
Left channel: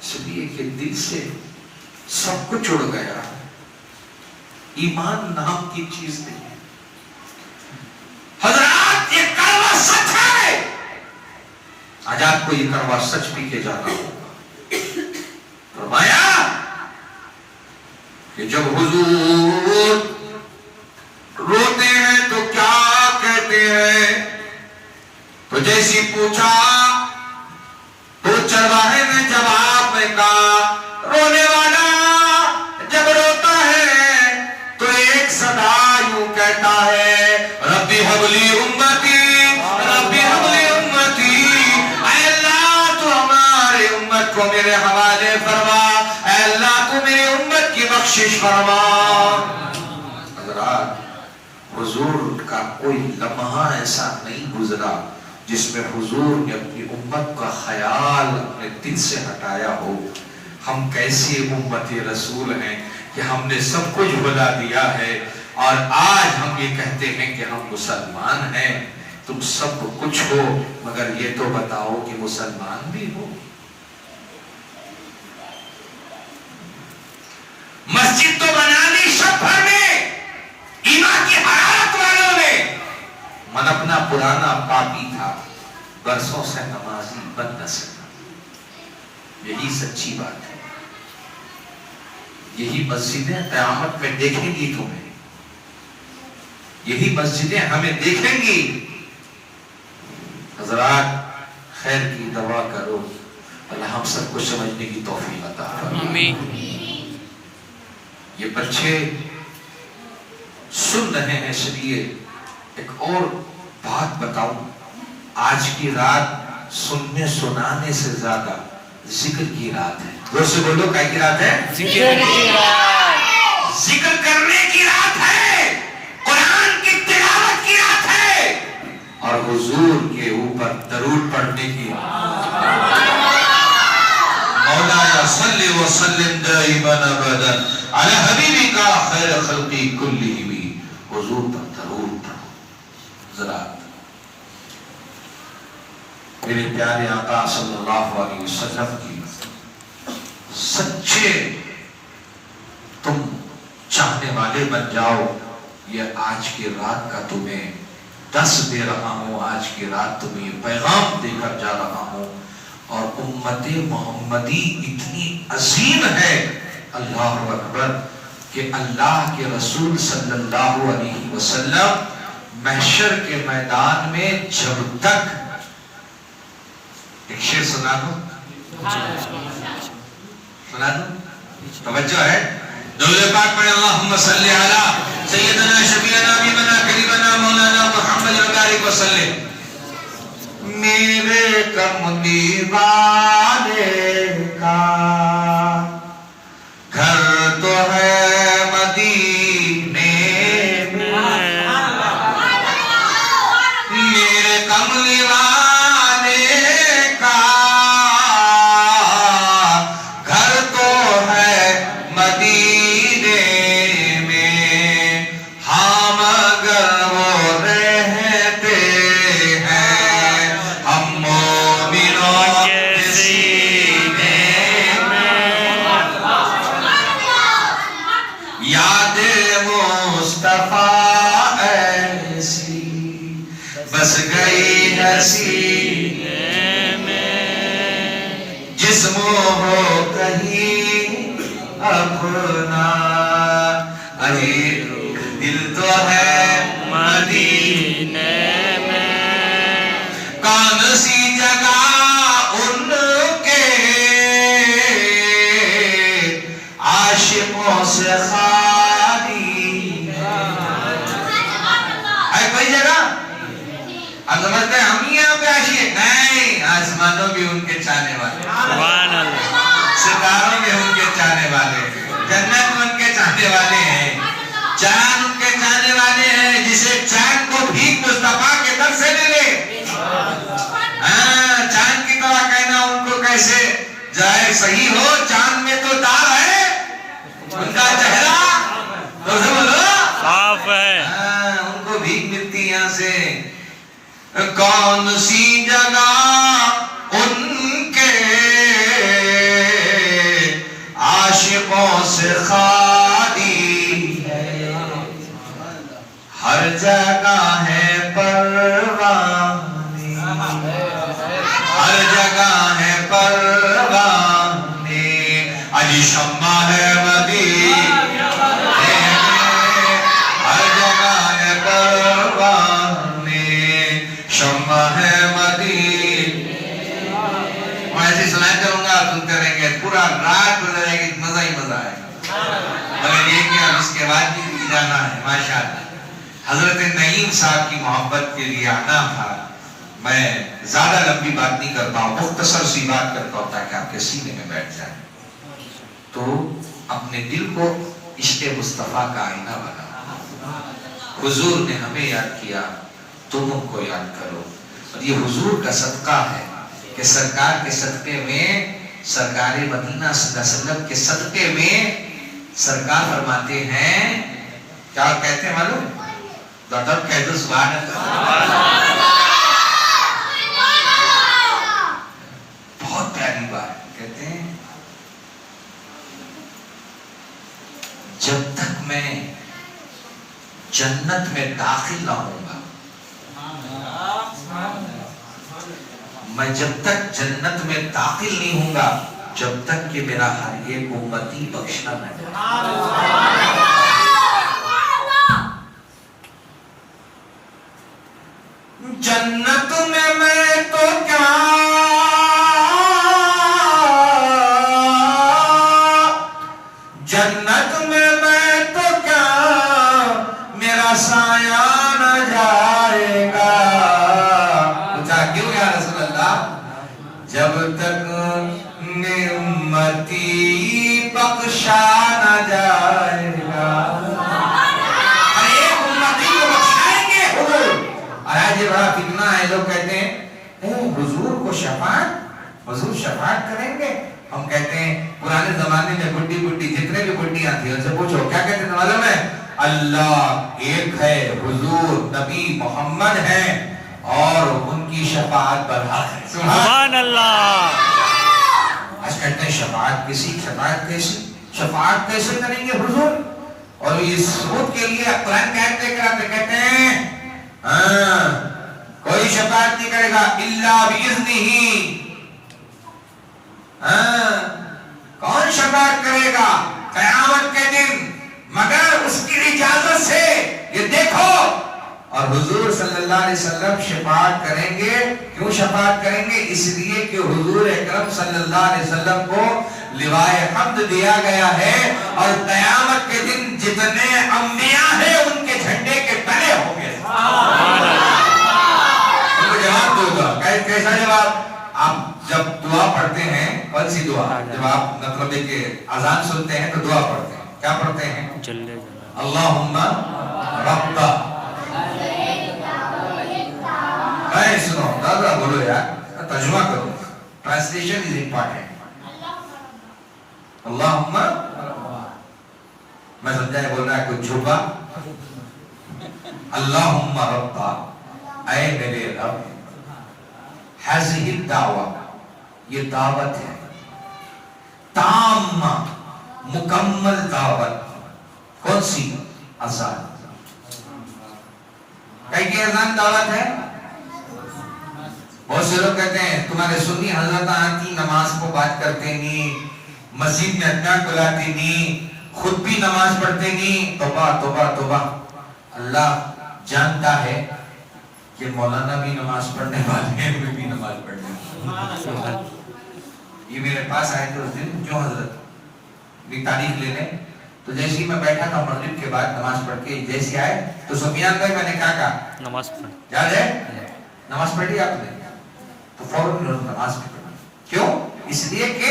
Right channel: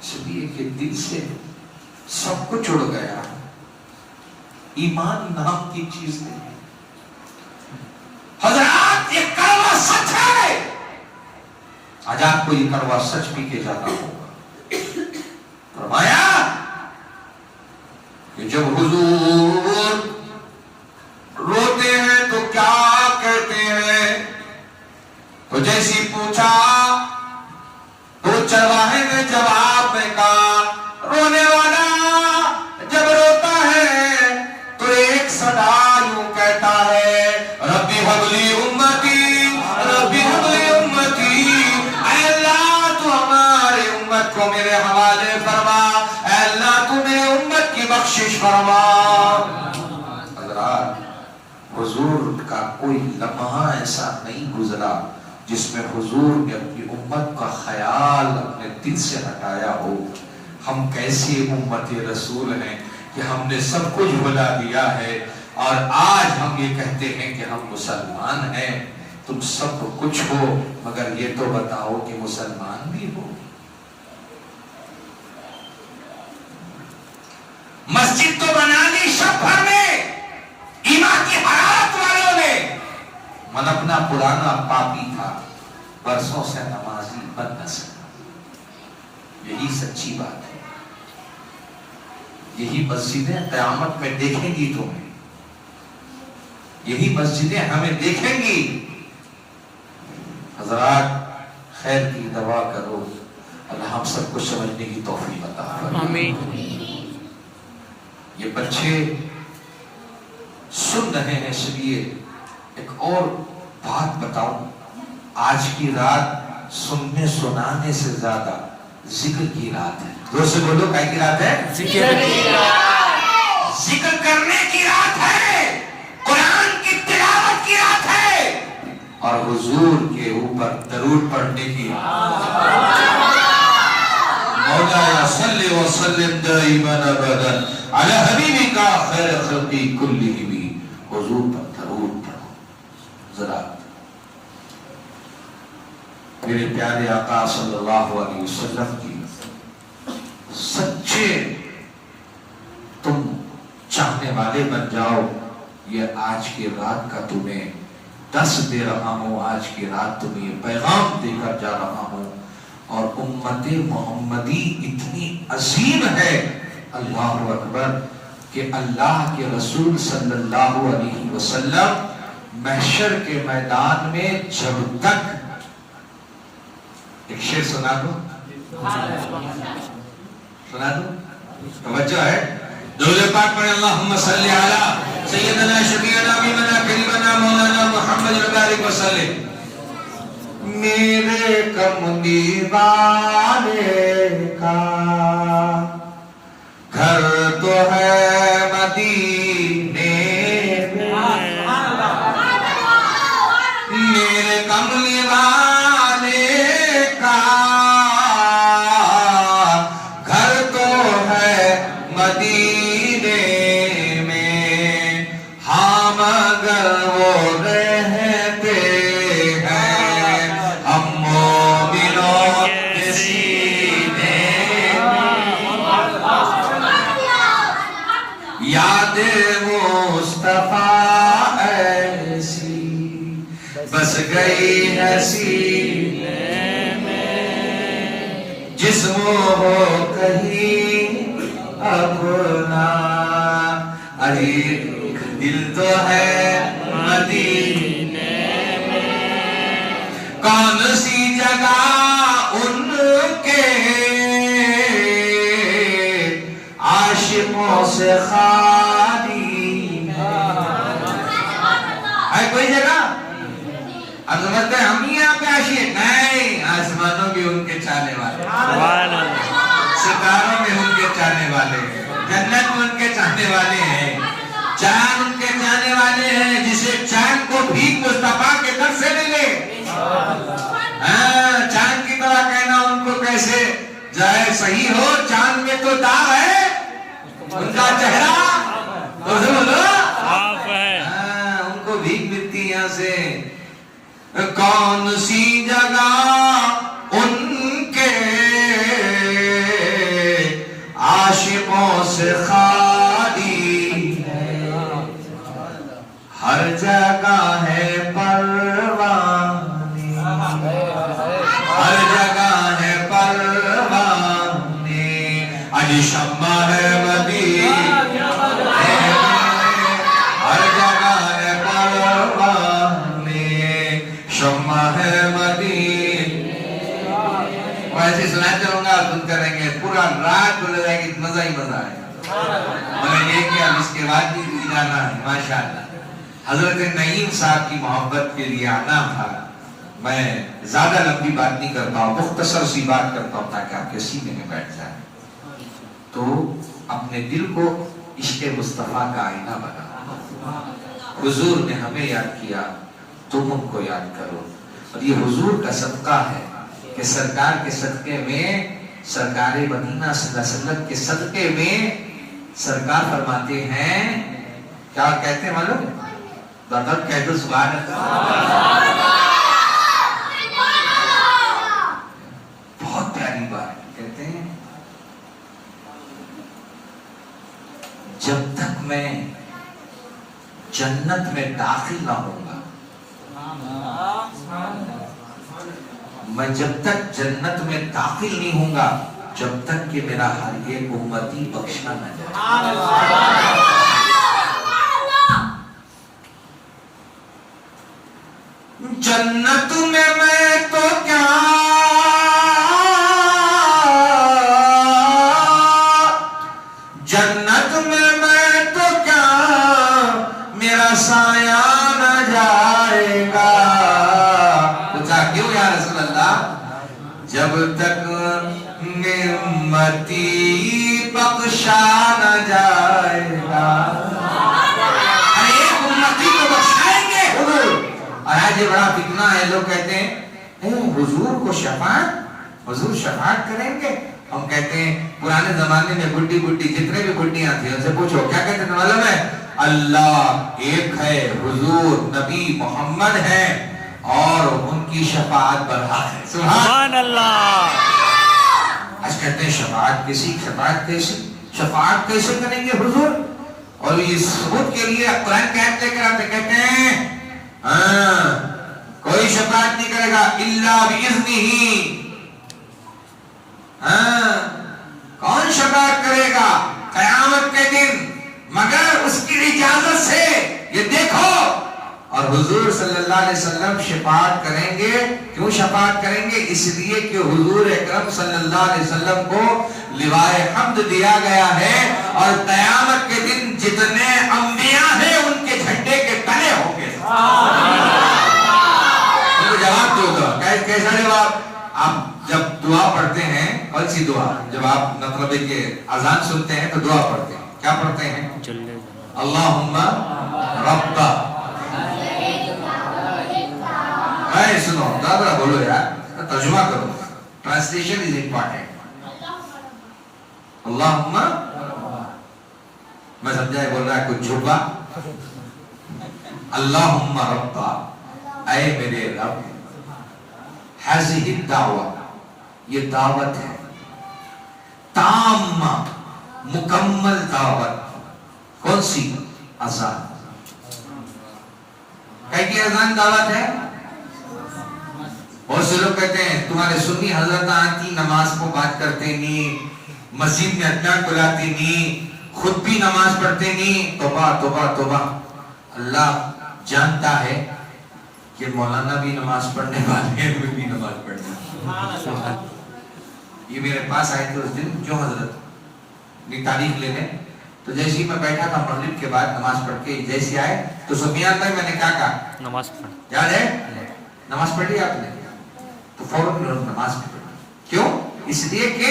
اس لیے کہ دل سے سب کچھ اڑ گیا. ایمان نام کی چیز نہیں ہے حضرات. یہ کڑوا سچ ہے. آج آپ کو یہ کڑوا سچ پی کے جانا ہو. فرمایا کہ جب حضور روتے ہیں تو کیا کہتے ہیں؟ تو جیسی پوچھا تو چرواہے نے جواب میں کہا رونے والا جب روتا ہے تو ایک صدا یوں کہتا ہے ربی حبلی امتی، ربی حبلی امتی. اے اللہ تو ہمارے امت کو میرے حوالے فرما، اے اللہ تو میرے امت کی بخشش فرما. حضرات حضور کا کوئی لمحہ ایسا نہیں گزرا جس میں حضور نے اپنی امت کا خیال اپنے دل سے ہٹایا ہو. ہم کیسی امت رسول ہیں کہ ہم نے سب کچھ بھلا دیا ہے اور آج ہم یہ کہتے ہیں کہ ہم مسلمان ہیں. تم سب کو کچھ ہو مگر یہ تو بتاؤ کہ مسلمان بھی ہو. مسجد تو بنا لی شب بھر میں ایمان کی حرارت والوں نے. من اپنا پرانا پاپی تھا، برسوں سے نمازی بن نہ سکا. یہی سچی بات ہے. یہی مسجدیں قیامت میں دیکھیں گی تمہیں، یہی مسجدیں ہمیں دیکھیں گی. حضرات خیر کی دعا کرو، اللہ ہم سب کو سمجھنے کی توفیق عطا فرمائے. آمین. یہ بچے سن رہے ہیں اس لیے ایک اور بات بتاؤں. آج کی رات سننے سنانے سے زیادہ ذکر کی رات ہے. دوسرے بولو کیا کی رات ہے؟ ذکر کرنے کی رات ہے، قرآن کی تلاوت کی رات ہے اور حضور کے اوپر درود پڑھنے کی. مولانا صلی وسلم دائما ابدا علی حبیبک خیر خلق کلہم. حضور پر درود پڑھو. ذرا میرے پیارے آقا صلی اللہ علیہ وسلم کی سچے تم چاہنے والے بن جاؤ. یہ آج کی رات کا تمہیں دس دے رہا ہوں، آج کی رات تمہیں یہ پیغام دے کر جا رہا ہوں. اور امت محمدی اتنی عظیم ہے، اللہ اکبر، کہ اللہ کے رسول صلی اللہ علیہ وسلم محشر کے میدان میں جب تک ایک شعر سنا دو، سنا دو، توجہ ہے. درود پاک پڑھیں اللہم صلی علی سیدنا شفیعنا حبیبنا قریبنا مولانا محمد وبارک وسلم. میرے کملی والے کا گھر تو ہے مدینے میں، میرے کملی والے کا گھر تو ہے مدینے میں. ہاں مگر وہ رہتے ہیں ہم مومنوں کے سینے میں. یاد مصطفیٰ ایسی بس گئی سینے میں، جسم ہو کہیں اپنا، ارے دل تو ہے مدینے میں. کون سی جگہ ان کے عاشقوں سے خالی ہے کوئی جگہ؟ آپ سمجھتے ہیں ہم ہی یہاں پہ عاشق نہیں، آسمانوں بھی ان کے چاہنے والے، سبحان اللہ. ستاروں میں ان کے چاہنے والے، جنت میں ان کے چاہنے والے ہیں، چاند ان کے چاہنے والے ہیں. جسے چاند کو بھیک مصطفیٰ کے در سے ملے، چاند کی طرح کہنا ان کو کیسے جائے صحیح ہو. چاند میں تو داغ ہے، ان کا چہرہ تو بولو صاف ہے. کون سی جگہ ان کے عاشقوں سے خالی ہے، ہر جگہ ہے پروانے، ہر جگہ ہے پروانے، علی شمع ہے مدینے، ہر جگہ ہے پروانے، شمع ہے مدینے۔ میں ایسے سنایا کروں گا، آپ سنتے رہیں گے، پورا رات گزر جائے گی، مزہ ہی مزہ ہے، مگر یہ کہ اب اس کے بعد بھی جانا ہے ماشاءاللہ۔ حضرت نعیم صاحب کی محبت کے لیے آنا تھا۔ میں زیادہ لمبی بات نہیں کرتا ہوں، مختصر سی بات کرتا ہوں تاکہ آپ کے سینے میں بیٹھ جائے۔ تو اپنے دل کو عشق مصطفیٰ کا آئینہ بنا، حضور نے ہمیں یاد کیا، تم ان کو یاد کرو۔ اور یہ حضور کا صدقہ ہے کہ سرکار کے صدقے میں، سرکار مدینہ صلی اللہ علیہ وسلم کے صدقے میں سرکار فرماتے ہیں، کیا کہتے ہیں معلوم؟ دادب کہتے ہیں سبحان اللہ، بہت پیاری بات کہتے ہیں، جب تک میں جنت میں داخل نہ ہوں گا، میں جب تک جنت میں داخل نہیں ہوں گا، جب تک کہ میرا ہر ایک امتی بخشنا نہ جائے۔ جنت میں میں تو کیا، جنت میں میں تو کیا، میرا سایہ نہ جائے گا۔ کیوں یا رسول اللہ؟ جب تک نعمتی بخشا نہ جائے گا، ایک امتی کو بخشائیں گے حضور۔ اور آج یہ بڑا فتنہ ہے، لوگ کہتے ہیں حضور کو شفاعت، حضور شفاعت کریں گے۔ ہم کہتے ہیں پرانے زمانے میں بڈی بڈی جتنے بھی بڈیاں تھیں ان سے پوچھو کیا کہتے تھے، معلوم ہے؟ اللہ ایک ہے، حضور نبی محمد ہے، اور ان کی شفاعت پر حق ہے۔ سبحان اللہ۔ آج کہتے ہیں شفاعت کسی، شفاعت کیسی، شفاعت کیسے کریں گے حضور؟ اور یہ ثبوت کے لیے قرآن کہتے کہتے ہیں کوئی شفاعت نہیں کرے گا الا باذنہ۔ کون شفاعت کرے گا قیامت کے دن مگر اس کی اجازت سے؟ یہ دیکھو، اور حضور صلی اللہ علیہ وسلم شفاعت کریں گے۔ کیوں شفاعت کریں گے؟ اس لیے کہ حضور اکرم صلی اللہ علیہ وسلم کو لوائے حمد دیا گیا ہے، اور قیامت کے دن جتنے انبیاء ہیں ان کے جھنڈے کے تلے ہوں گے۔ ان کو جواب دو گا، کیسا جواب؟ آپ جب دعا پڑھتے ہیں، کون سی دعا؟ جب آپ مطلب کہ اذان سنتے ہیں تو دعا پڑھتے ہیں، کیا پڑھتے ہیں؟ اللہم رب، سنو دادا بولو یار، ترجمہ کرو، ٹرانسلیشن از امپورٹنٹ۔ اللہم، میں سمجھا ہے بول رہا ہے کچھ چھپا۔ اللہم رب، اے میرے رب، ہذہ الدعوہ، یہ دعوت ہے، تامہ، مکمل دعوت، کون سی؟ اذان۔ کہ اذان دعوت ہے؟ بہت سے لوگ کہتے ہیں تمہارے سنی حضرت آتی نماز کو بات کرتے نہیں، مسجد میں ادھر بلاتے نہیں، خود بھی نماز پڑھتے نہیں۔ توبہ توبہ توبہ، اللہ جانتا ہے کہ مولانا بھی نماز پڑھنے والے ہیں، میں بھی نماز پڑھنے والے۔ یہ میرے پاس آئے تھے اس دن، جو حضرت بھی تاریخ لے لیں، تو جیسے ہی میں بیٹھا تھا مغرب کے بعد نماز پڑھ کے جیسے آئے تو سفیان بھائی میں نے کیا کہا؟ نماز پڑھ، یاد ہے؟ نماز پڑھی آپ نے؟ تو فوراً نماز پڑھی۔ کیوں؟ اس لیے کہ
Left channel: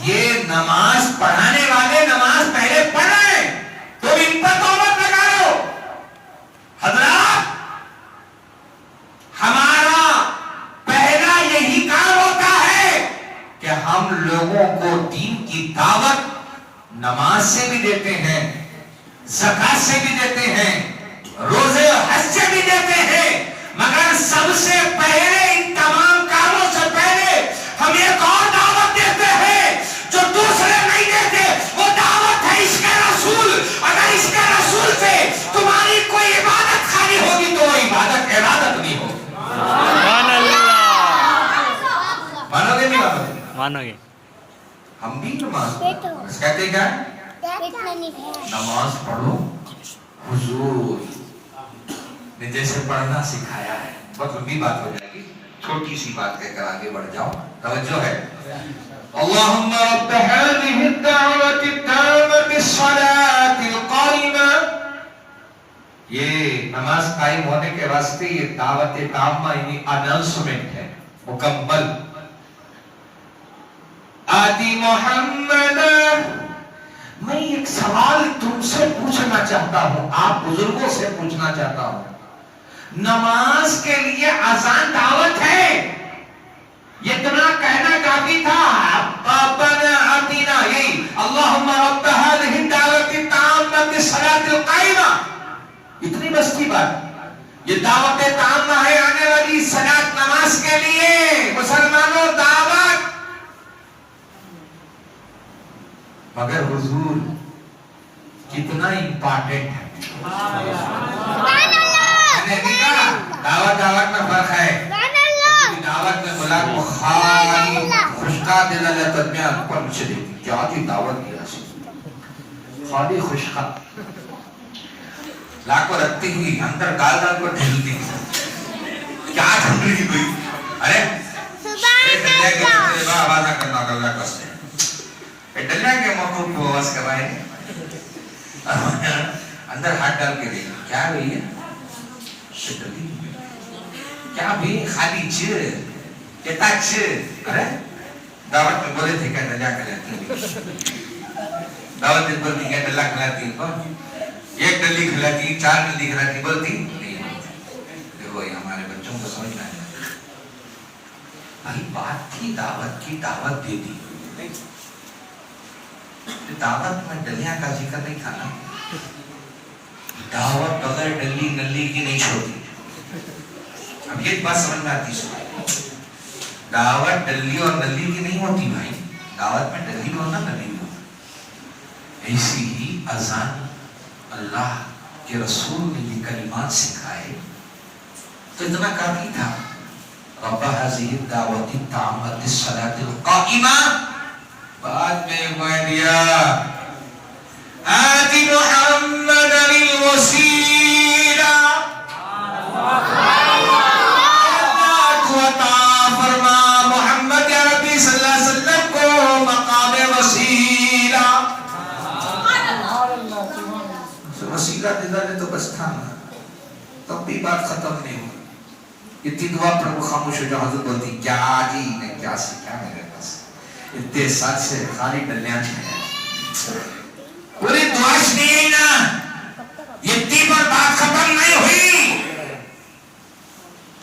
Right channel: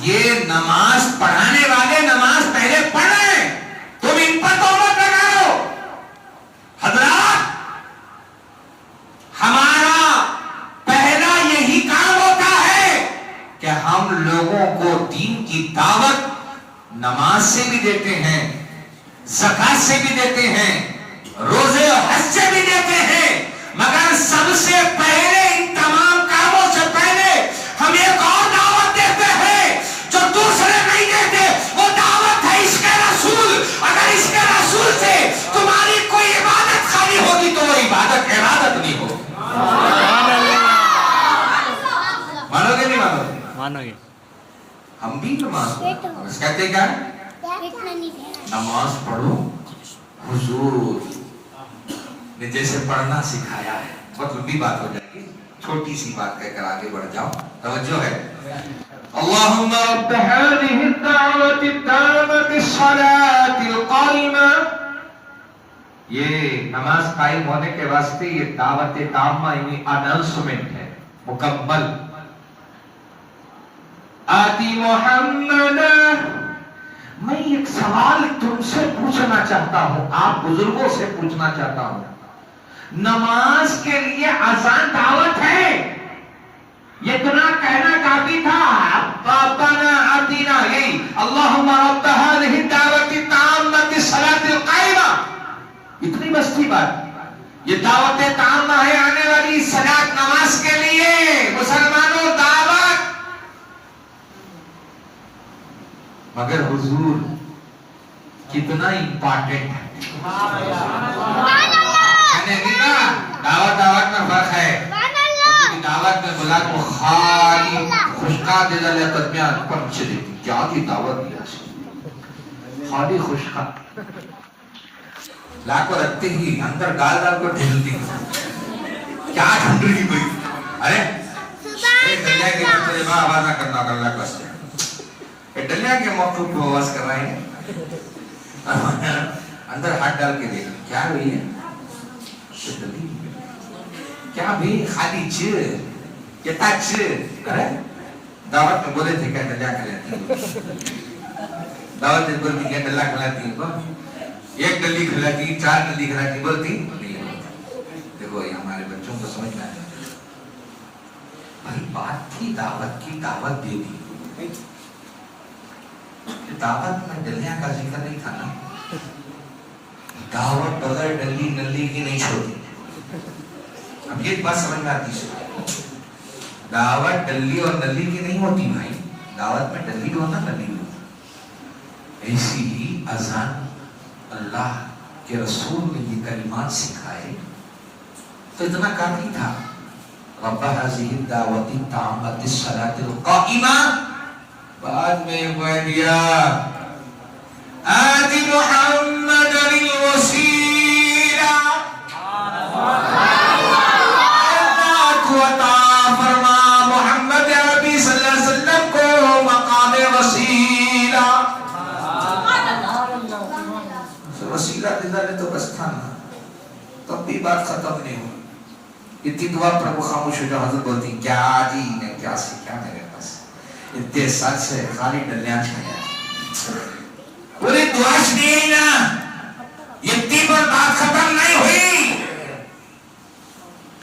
یہ نماز پڑھانے والے نماز پہلے پڑھ رہے ہیں، تو ان پر توبہ لگا لو۔ حضرات، ہمارا پہلا یہی کام ہوتا ہے کہ ہم لوگوں کو دین کی دعوت نماز سے بھی دیتے ہیں، زکات سے بھی دیتے ہیں، روزے اور حج سے بھی دیتے ہیں، مگر سب سے مانو گے؟ ہم بھی نماز پڑھو، کہتے کیا ہے؟ نماز پڑھو حضور نے جیسے پڑھنا سکھایا ہے. بہت لمبی بات ہو جائے گی، چھوٹی سی بات کہہ کر آگے بڑھ جاؤ. توجہ ہے. اللہم رب هذه الدعوة التامة الصلاة القائمة. یہ نماز قائم ہونے کے واسطے یہ دعوت تامہ یعنی اناؤنسمنٹ ہے مکمل. آتی محمد. میں ایک سوال تم سے پوچھنا چاہتا ہوں، آپ بزرگوں سے پوچھنا چاہتا ہوں. نماز کے لیے اذان دعوت ہے، یہ اتنا کہنا کافی تھا. ربنا آتنا، یہی اللہم رب هذه الدعوة التامة الصلاة القائمة، اتنی بس تھی بات. یہ دعوت تامہ ہے آنے والی صلاۃ نماز کے لیے. مسلمانوں دعوت. مگر حضور کتنا امپارٹنٹ ہے. میں نے کہا دعوت میں فرق ہے. دعوت میں بلا تو خالی خوشخا دل لے قدمیان پر مچھلی کیا کی دعوت دیا خالی خوشخا لا کو رکھتی ہوئی اندر ڈال ڈال کو ڈھلتی کیا ڈھونڈ رہی ہوئی. ارے ڈلیا کے بچے با آوازہ کرنا کر رہا کستے ڈلیا کے موقع کو آواز کر رہے ہیں. اندر ہاتھ ڈال کے دیکھا کیا ہوئی ہے ڈلی کیا بھی خالی چیر کہتا چیر. ارے دعوت میں بولے تھے کہ ڈلیا کھلاتی دعوت میں بولتی کہ ڈلیا کھلاتی ایک ڈلی کھلاتی 4 ڈلی کھلاتی بولتی نہیں. دیکھو یہ ہمارے بچوں کو سمجھنا ہے بھائی بات تھی دعوت کی دعوت دے دی. دعوت میں ڈلیاں کا ذکر نہیں تھا نا. دعوت بغیر ڈلی نلی کی نہیں چھوڑی. اب یہ بات سمجھ آتی ہے. دعوت ڈلی اور نلی کی نہیں ہوتی بھائی. دعوت میں ڈلی بھی ہونا نلی بھی ہونا. ایسی ہی اذان اللہ کے رسول نے یہ کلمات سکھائے تو اتنا کافی تھا. رب هذه الدعوة التامة الصلاة القائمة. بعد میں کہہ دیا آتی محمد الوسیلہ. فرما محمد عربی صلی اللہ علیہ وسلم کو مقام وسیلہ. وسیلہ دیدہ نے تو بس تھا نا تب بھی بات ختم نہیں ہوئی. اتنی دعا پر وہ خاموش ہو جو حضرت بولتی کیا جی نے کیا سیکھا میرے پاس اتنے سچ سے خالی ڈلیاں چھایا پوری دعاش نہیں نا. اتنی پر بات ختم نہیں ہوئی.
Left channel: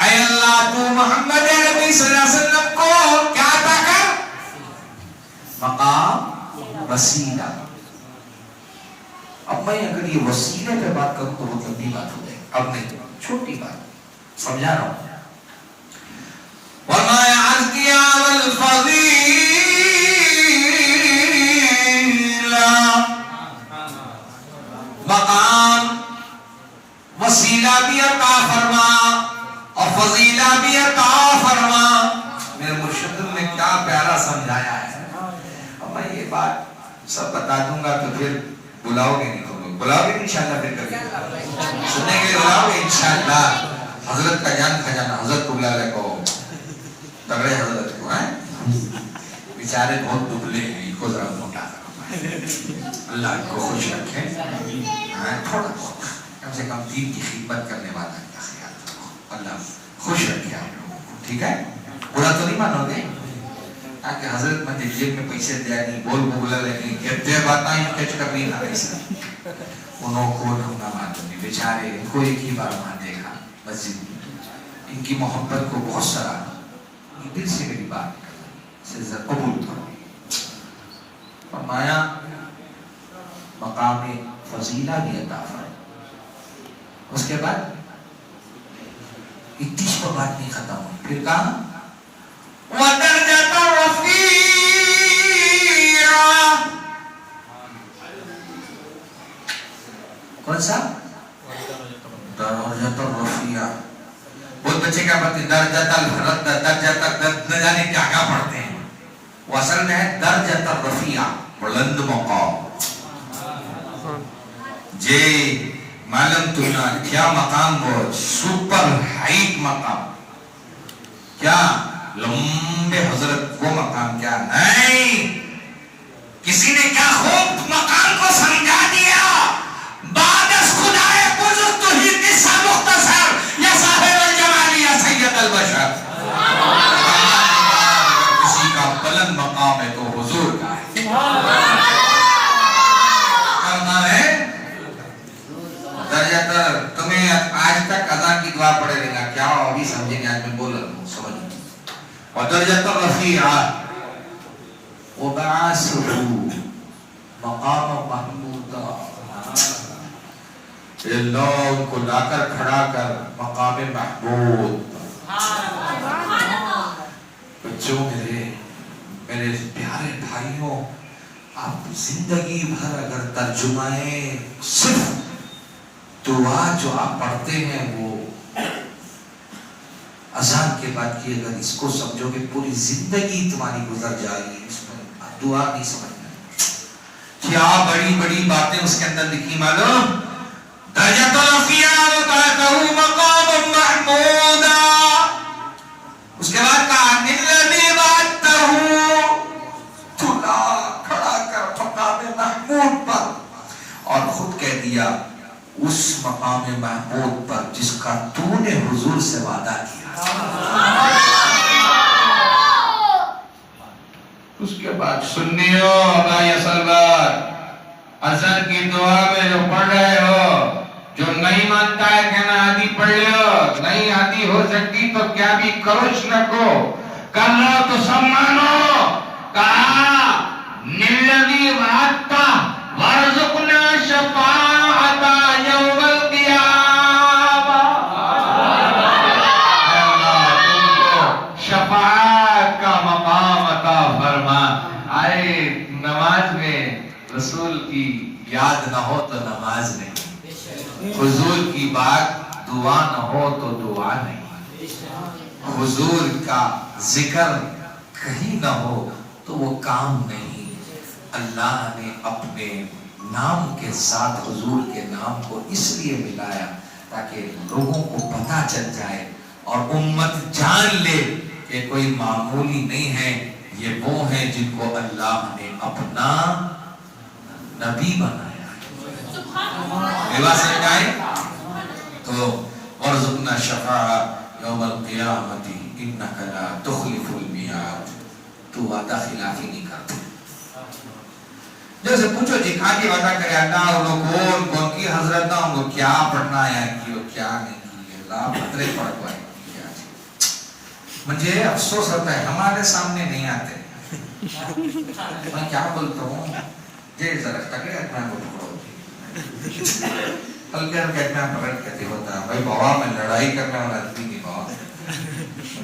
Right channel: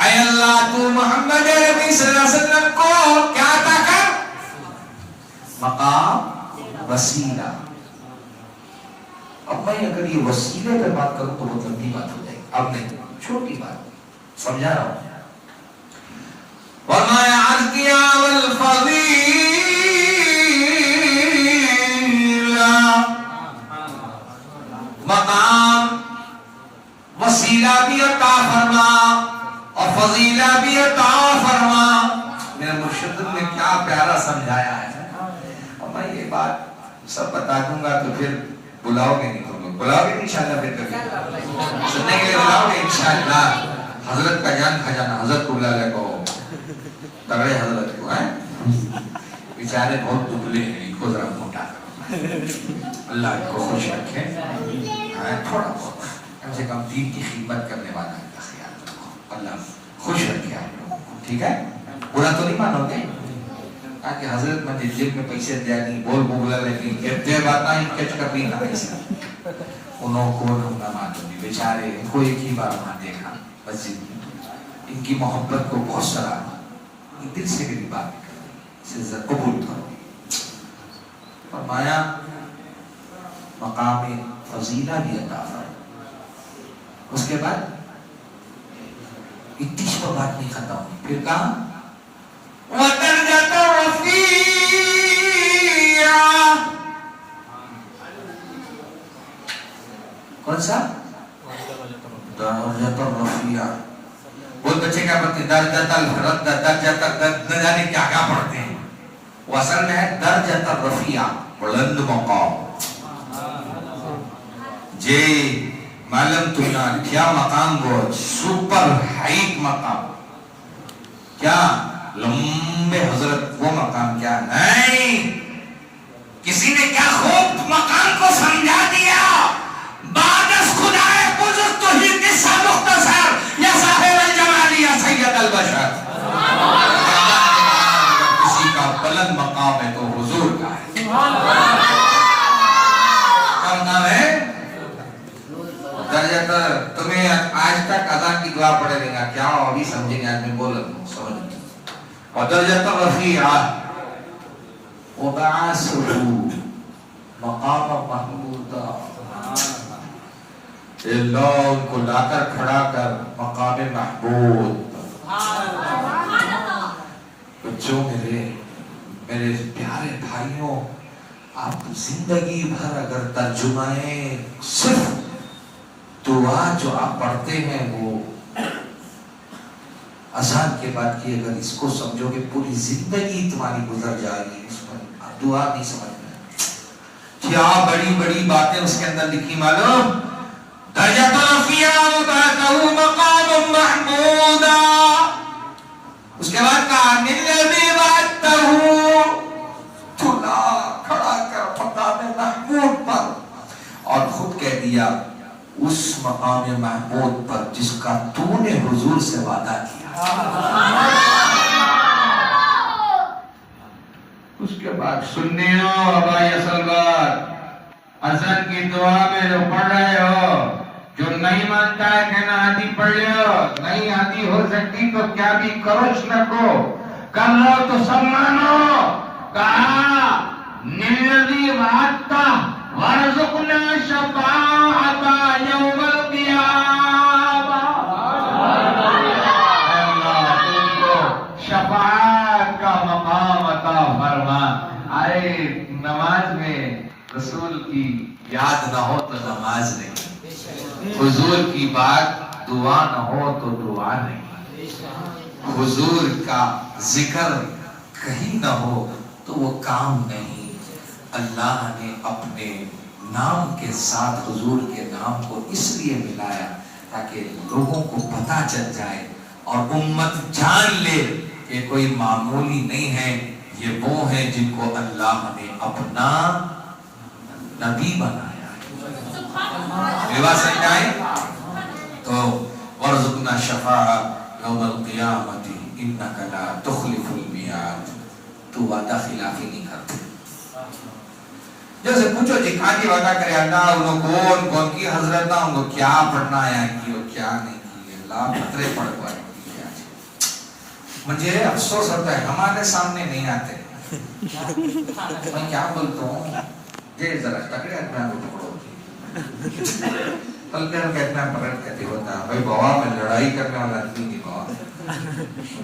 اے اللہ تو محمد عربی صلی اللہ علیہ وسلم کو کیا عطا کر مقام وسیلہ. اب میں اگر یہ وسیلے پر بات کروں تو بہت لمبی بات ہو جائے گی. اب نہیں چھوٹی بات سمجھا رہا ہوں. وما عزكي والفضيلة مقام وسیلہ بھی عطا فرما اور فضیلہ بھی عطا فرما. میرے مرشد نے کیا پیارا سمجھایا ہے. اب میں یہ بات سب بتا دوں گا تو پھر بلاؤ گے نہیں. تم لوگ بلاؤ گے انشاءاللہ پھر کبھی سننے کے لیے بلاؤ گے انشاءاللہ. حضرت کا جان خزانہ حضرت کو بلا لے کو کرے حضرت کو ہے بیچارے بہت دبلے ہیں. ان کو ذرا موٹا اللہ کو خوش رکھے. تھوڑا بہت کم سے کم دین کی خدمت کرنے والا ہے کا خیال رکھو. اللہ خوش رکھے آپ لوگوں کو. ٹھیک ہے برا تو نہیں مانو گے تاکہ حضرت میں جیب میں پیسے دیا نہیں بول بولا لگی یہ بات نہ کچھ کبھی نہ ایسا انہوں کو ہم نہ مانوں گے. بیچارے ان کو ایک ہی بار نہ دیکھا مسجد میں. ان کی محبت کو بہت سرا دل سے میری بات سے قبول کرو. فرمایا مقام فضیلہ بھی عطا فرمایا. اس کے بعد اتیش پر بات نہیں ختم ہوئی. پھر کہا وَدَرْجَةَ رَفِيعَ. کون سا درجۃ الرفیع. بہت بچے کیا پڑھتے ہیں درجۃ الفرد درجۃ نہ جانے کیا کیا پڑھتے ہیں. وہ اصل میں ہے درجۃ الرفیع، بلند مقام. جے معلوم تمنا کیا مقام وہ سپر ہائٹ مقام، کیا لمبے حضرت وہ مقام کیا نہیں. کسی نے کیا خوب مقام کو سمجھا دیا، بعد از خدائے بزرگ تو ہی قصہ مختصر یا صاحب الجمال یا سید البشر. کسی کا بلند مقام ہے تو حضور کا ہے. کہنا ہے درجہ تمہیں آج تک ادا کی دعا پڑھے لینا کیا ابھی سمجھیں گے، آج میں بول رہا ہوں سمجھ. اور درجہ رفیع وبعثه مقام محمودا، اللہ ان کو لا کر کھڑا کر مقام محمود. بچوں میرے پیارے بھائیوں، آپ زندگی بھر اگر ترجمہ صرف دعا جو آپ پڑھتے ہیں وہ اذان کے بعد کی، اگر اس کو سمجھو گے پوری زندگی تمہاری گزر جائے گی. اس پر دعا نہیں سمجھنا کیا بڑی بڑی باتیں اس کے اندر لکھی معلوم. درجۃ رفیع وبعثه مقام محمودا. اس کے بعد کہا الذی وعدته، تلا کھڑا کر مقام محمود پر، اور خود کہہ دیا اس مقام محمود پر جس کا تو نے حضور سے وعدہ کیا. اس کے بعد سنیو ابا یسلمات، اذان کی دعا میں جو پڑھ رہے ہو، جو نہیں مانتا ہے کہنا آدھی پڑھ لو، نہیں آدھی ہو سکتی تو کیا بھی کروش نہ کو کر لو تو سب مانو. کہا نلذی وعدتا ورزقنا شفاعتا یوم القیامہ. اللہ تم کو شفاعت کا مقام عطا فرما. آئے نماز میں رسول کی یاد نہ ہو تو نماز نہیں، حضور کی بات دعا نہ ہو تو دعا نہیں، حضور کا ذکر کہیں نہ ہو تو وہ کام نہیں. اللہ نے اپنے نام کے ساتھ حضور کے نام کو اس لیے ملایا تاکہ لوگوں کو پتہ چل جائے اور امت جان لے کہ کوئی معمولی نہیں ہے، یہ وہ ہیں جن کو اللہ نے اپنا نبی بنایا ہے. سمجھائے تو ورزقنا شفاعہ یوم القیامت انک لا تخلف المیعاد. تو وعدہ خلافی نہیں کرتے. جب سے پوچھو دکھا کے وعدہ کرے اللہ انہوں کون کی حضرت نہ ان کو کیا پڑھنا ہے کی وہ کیا نہیں کی. اللہ پترے پڑھ کو مجھے افسوس ہوتا ہے ہمارے سامنے نہیں آتے. میں کیا بولتا ہوں یہ ذرا ٹکڑے اپنا کو پکڑو بلکہ ہم کہتے ہیں پکڑ کہتے ہوتا ہے بھائی بابا میں لڑائی کرنے والا آدمی نہیں بابا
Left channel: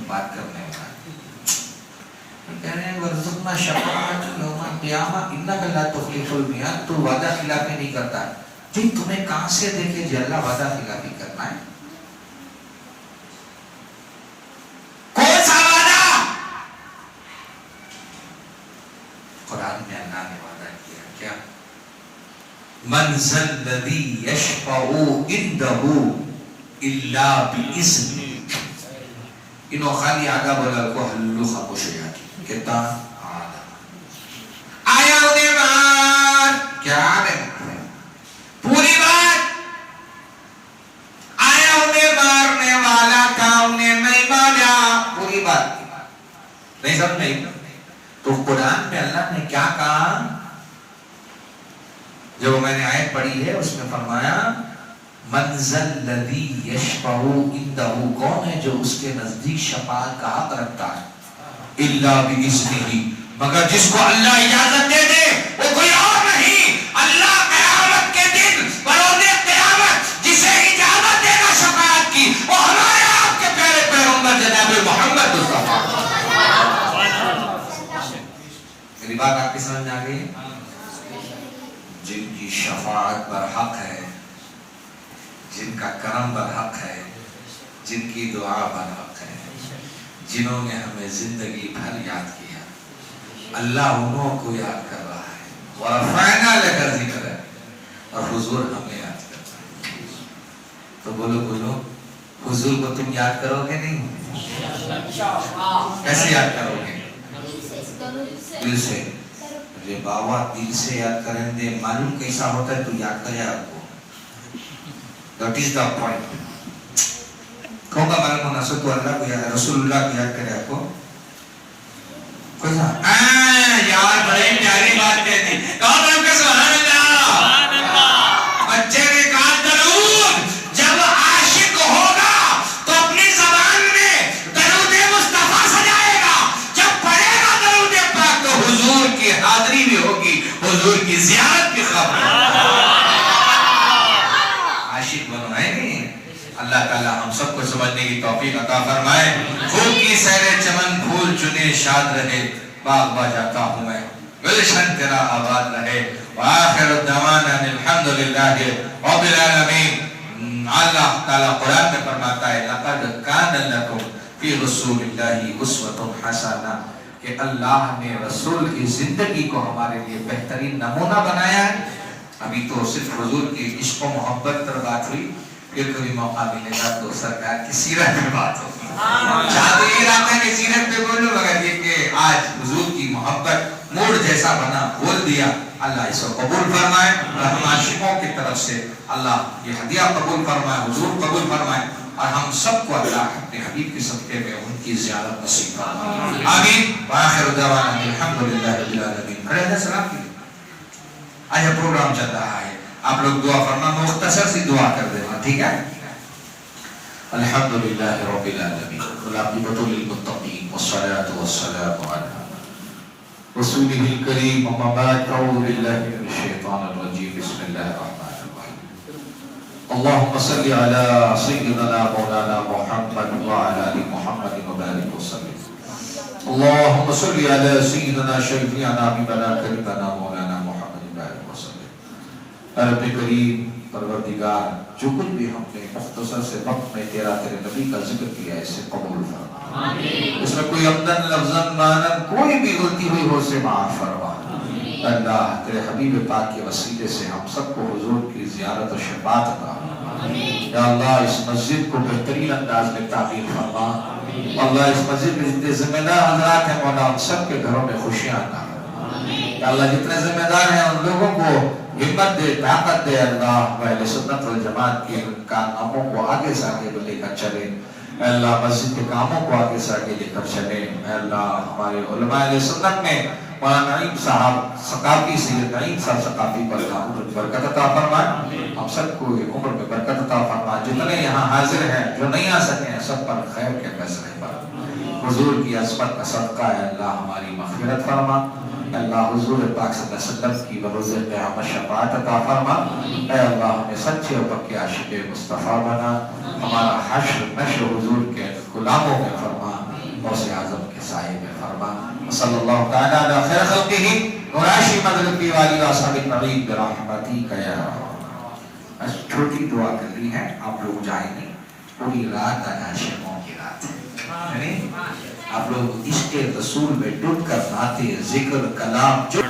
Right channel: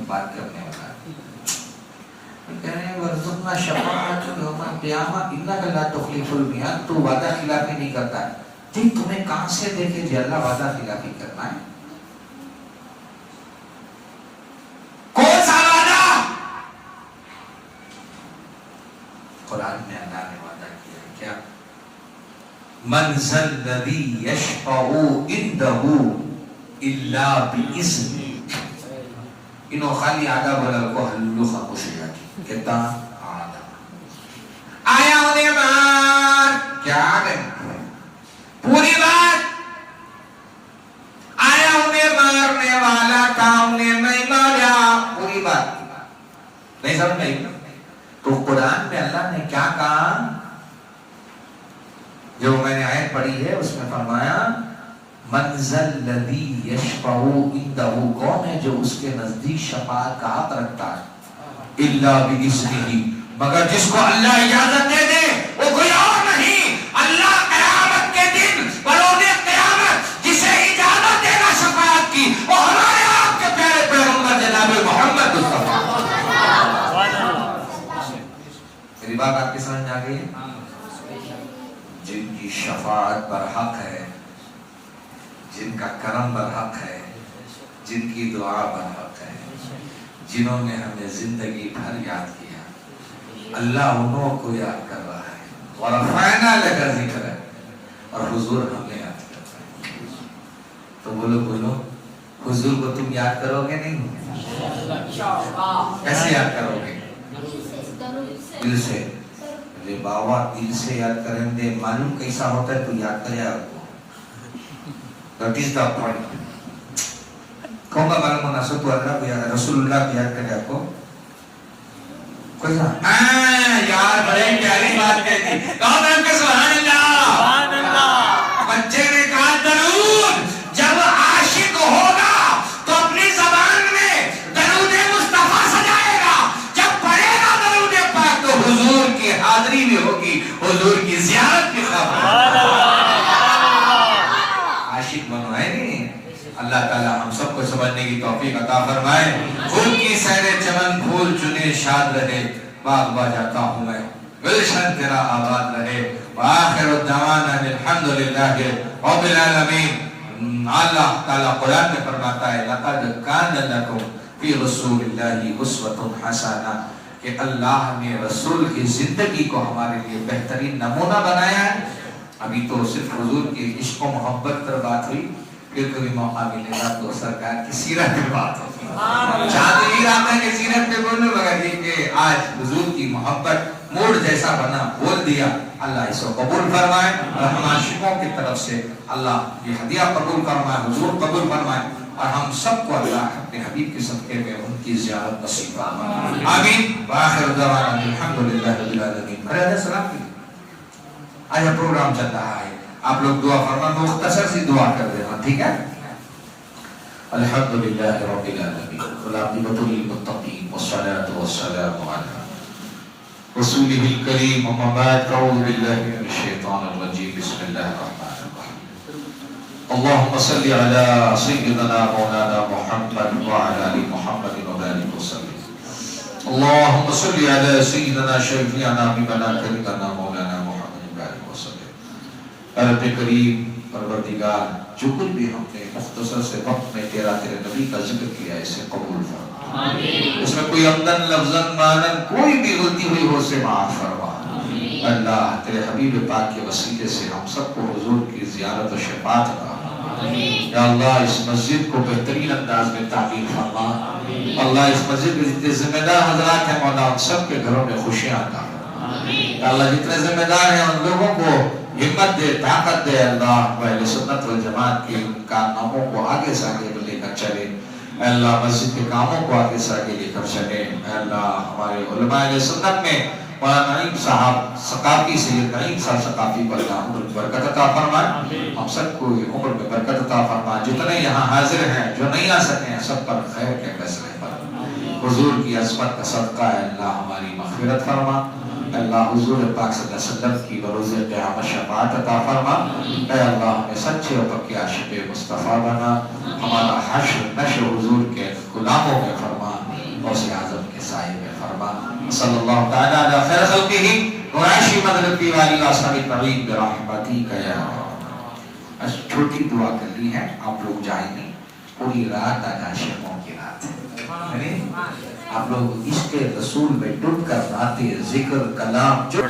بات کرنے والا. کہہ رہے ہیں ورزقنا شفاعت یوم القیامہ انک لا تخلف المیعاد. تو وعدہ خلافی نہیں کرتا ہے. جی تمہیں کہاں سے دیکھے جو اللہ وعدہ خلافی کرنا ہے؟ کون سا وعدہ؟ قرآن میں اللہ نے وعدہ کیا کیا؟ من ذا الذی یشفع عنده الا باذنہ. انہوں خالی آگا بولا کو حلو خاموش ہو جاتی کہتا آیا انہیں مار کیا آگئے پوری بات. آیا انہیں مارنے والا تھا انہیں نہیں مارا پوری بات نہیں سمجھے. تو قرآن میں اللہ نے کیا کہا؟ جو میں نے آیت پڑھی ہے اس میں فرمایا من ذا الذی یشفع عنده، کون ہے جو اس کے نزدیک شفاعت کا حق رکھتا ہے؟ الا باذنہ، مگر جس کو اللہ اجازت دے دے. وہ کوئی اور نہیں، اللہ قیامت کے دن بروز قیامت جسے اجازت دے گا شفاعت کی وہ ہمارے آپ کے پیارے پیغمبر جناب محمد مصطفیٰ. میری بات آپ کی سمجھ آ گئی؟ جن کی شفاعت برحق ہے، جن کا کرم برحق ہے، جن کی دعا برحق ہے، جنہوں نے ہمیں زندگی بھر یاد کیا، اللہ انہوں کو یاد کر رہا ہے وَرَفَعْنَا لَكَ ذِكْرَكَ اور حضور ہمیں یاد کر رہا ہے. تو بولو حضور کو تم یاد کرو گے نہیں؟ کیسے یاد کرو گے؟ دل سے. یہ بابا دل سے یاد کریں دے معلوم کیسا ہوتا ہے تو یاد کرے آپ کو. That is the point. کون کا معلوم ہونا سو تو اللہ کو یاد رسول اللہ کو یاد کرے آپ کو یار بڑی پیاری بات کہتی سبحان اللہ. بچے نے کہا درود جب عاشق ہوگا تو اپنی زبان میں درود مصطفیٰ سجائے گا. جب پڑھے گا درود پاک تو حضور کی حاضری بھی ہوگی, حضور کی زیارت بھی خبر. عاشق بنو ہے نہیں. اللہ تعالی ہم سب کو سمجھنے کی توفیق عطا فرمائے. پھول کی سیر چمن پھول چنے شاد رہے, باغ با جاتا ہوں میں گلشن تیرا آباد رہے. وآخر الدعوانا الحمدللہ رب العالمین. اللہ تعالی قرآن میں فرماتا ہے لقد کان لکم فی رسول اللہ اسوۃ حسنہ, کہ اللہ نے رسول کی زندگی کو ہمارے لیے بہترین نمونہ بنایا ہے. ابھی تو صرف حضور کی عشق و محبت پر بات ہوئی, پھر کبھی موقع ملے گا تو سرکار کی سیرت پہ بات ہوگی. چاہتا یہ رہتا ہے کہ سیرت پہ بولوں مگر یہ کہ آج حضور کی محبت موڑ جیسا بنا بول دیا. اللہ اس کو قبول فرمائے اور ہم عاشقوں کی طرف سے اللہ یہ ہدیہ قبول فرمائے, حضور قبول فرمائے اور ہم سب کو اللہ اپنے حبیب کے صدقے میں ان کی زیارت نصیب فرمائے. آمین. وآخر دعوانا الحمدللہ رب العالمین. علیہ السلام کی آج پروگرام چل رہا ہے, آپ لوگ دعا فرما, مختصر سی دعا کر دینا ٹھیک ہے. الحمدللہ رب العالمین والعاقبۃ للمتقین والصلاة والسلام علی رسولہ الکریم. اما بعد اعوذ باللہ من الشیطان الرجیم. بسم اللہ الرحمن الرحیم. اللهم صل على سيدنا مولانا محمد وعلى آل محمد وبارك وسلم. اللهم صل على سيدنا شفيعنا حبيبنا كريمنا مولانا محمد وبارك وسلم. اے رب کریم پروردگار, جو کچھ بھی ہم نے مختصر سے وقت میں تیرے نبی کا ذکر کیا ہے اسے قبول فرما. اس میں کوئی عمدن لفظن مانن کوئی بھی غلطی ہوئی ہو سے معاف فرما. اللہ تیرے حبیب پاک کے وسیلے سے ہم سب کو حضور کی زیارت و شفاعت عطا. یا اللہ اس مسجد کو بہترین انداز میں تعمیر فرما. اللہ اس مسجد میں جتنے ذمہ دار حضرات ہیں مولا ہم سب کے گھروں میں خوشیاں عطا. اللہ جتنے ذمہ دار ہیں ان لوگوں کو ہمت دے, طاقت دے. اللہ اہل سنت والجماعت کے ان کاموں کو آگے سے آگے لے کر چلے. اے اللہ مسجد کے کاموں کو آگے سے آگے لے کر چلے. اے اللہ ہمارے علماء اہل سنت میں مولانا نعیم صاحب ثقافی سید نعیم صاحب ثقافی پر عمر برکت عطا فرمائے. ہم سب کو عمر میں برکت عطا فرمائے. جتنے یہاں حاضر ہیں جو نہیں آ سکے ہیں سب پر خیر کے فیصلے پر حضور کی عظمت کا صدقہ ہے اللہ ہماری مغفرت فرما. اللہ حضور پاک صلی اللہ علیہ وسلم کی بروز قیامت شفاعت عطا فرما. اے اللہ ہمیں سچے اور پکے عاشق مصطفیٰ بنا. ہمارا حشر نشر حضور کے غلاموں میں فرما, غوث اعظم کے سائے میں فرما. صلی اللہ تعالی علی خیر خلقہ وراشی مدرکی والی واصحاب النبی برحمتک یا رب. چھوٹی دعا کر لی ہے, آپ لوگ جائیں گے. پوری رات عاشقوں کی رات ہے. آپ لوگ عشق رسول میں ڈوب کر نعتیں ذکر کلام جو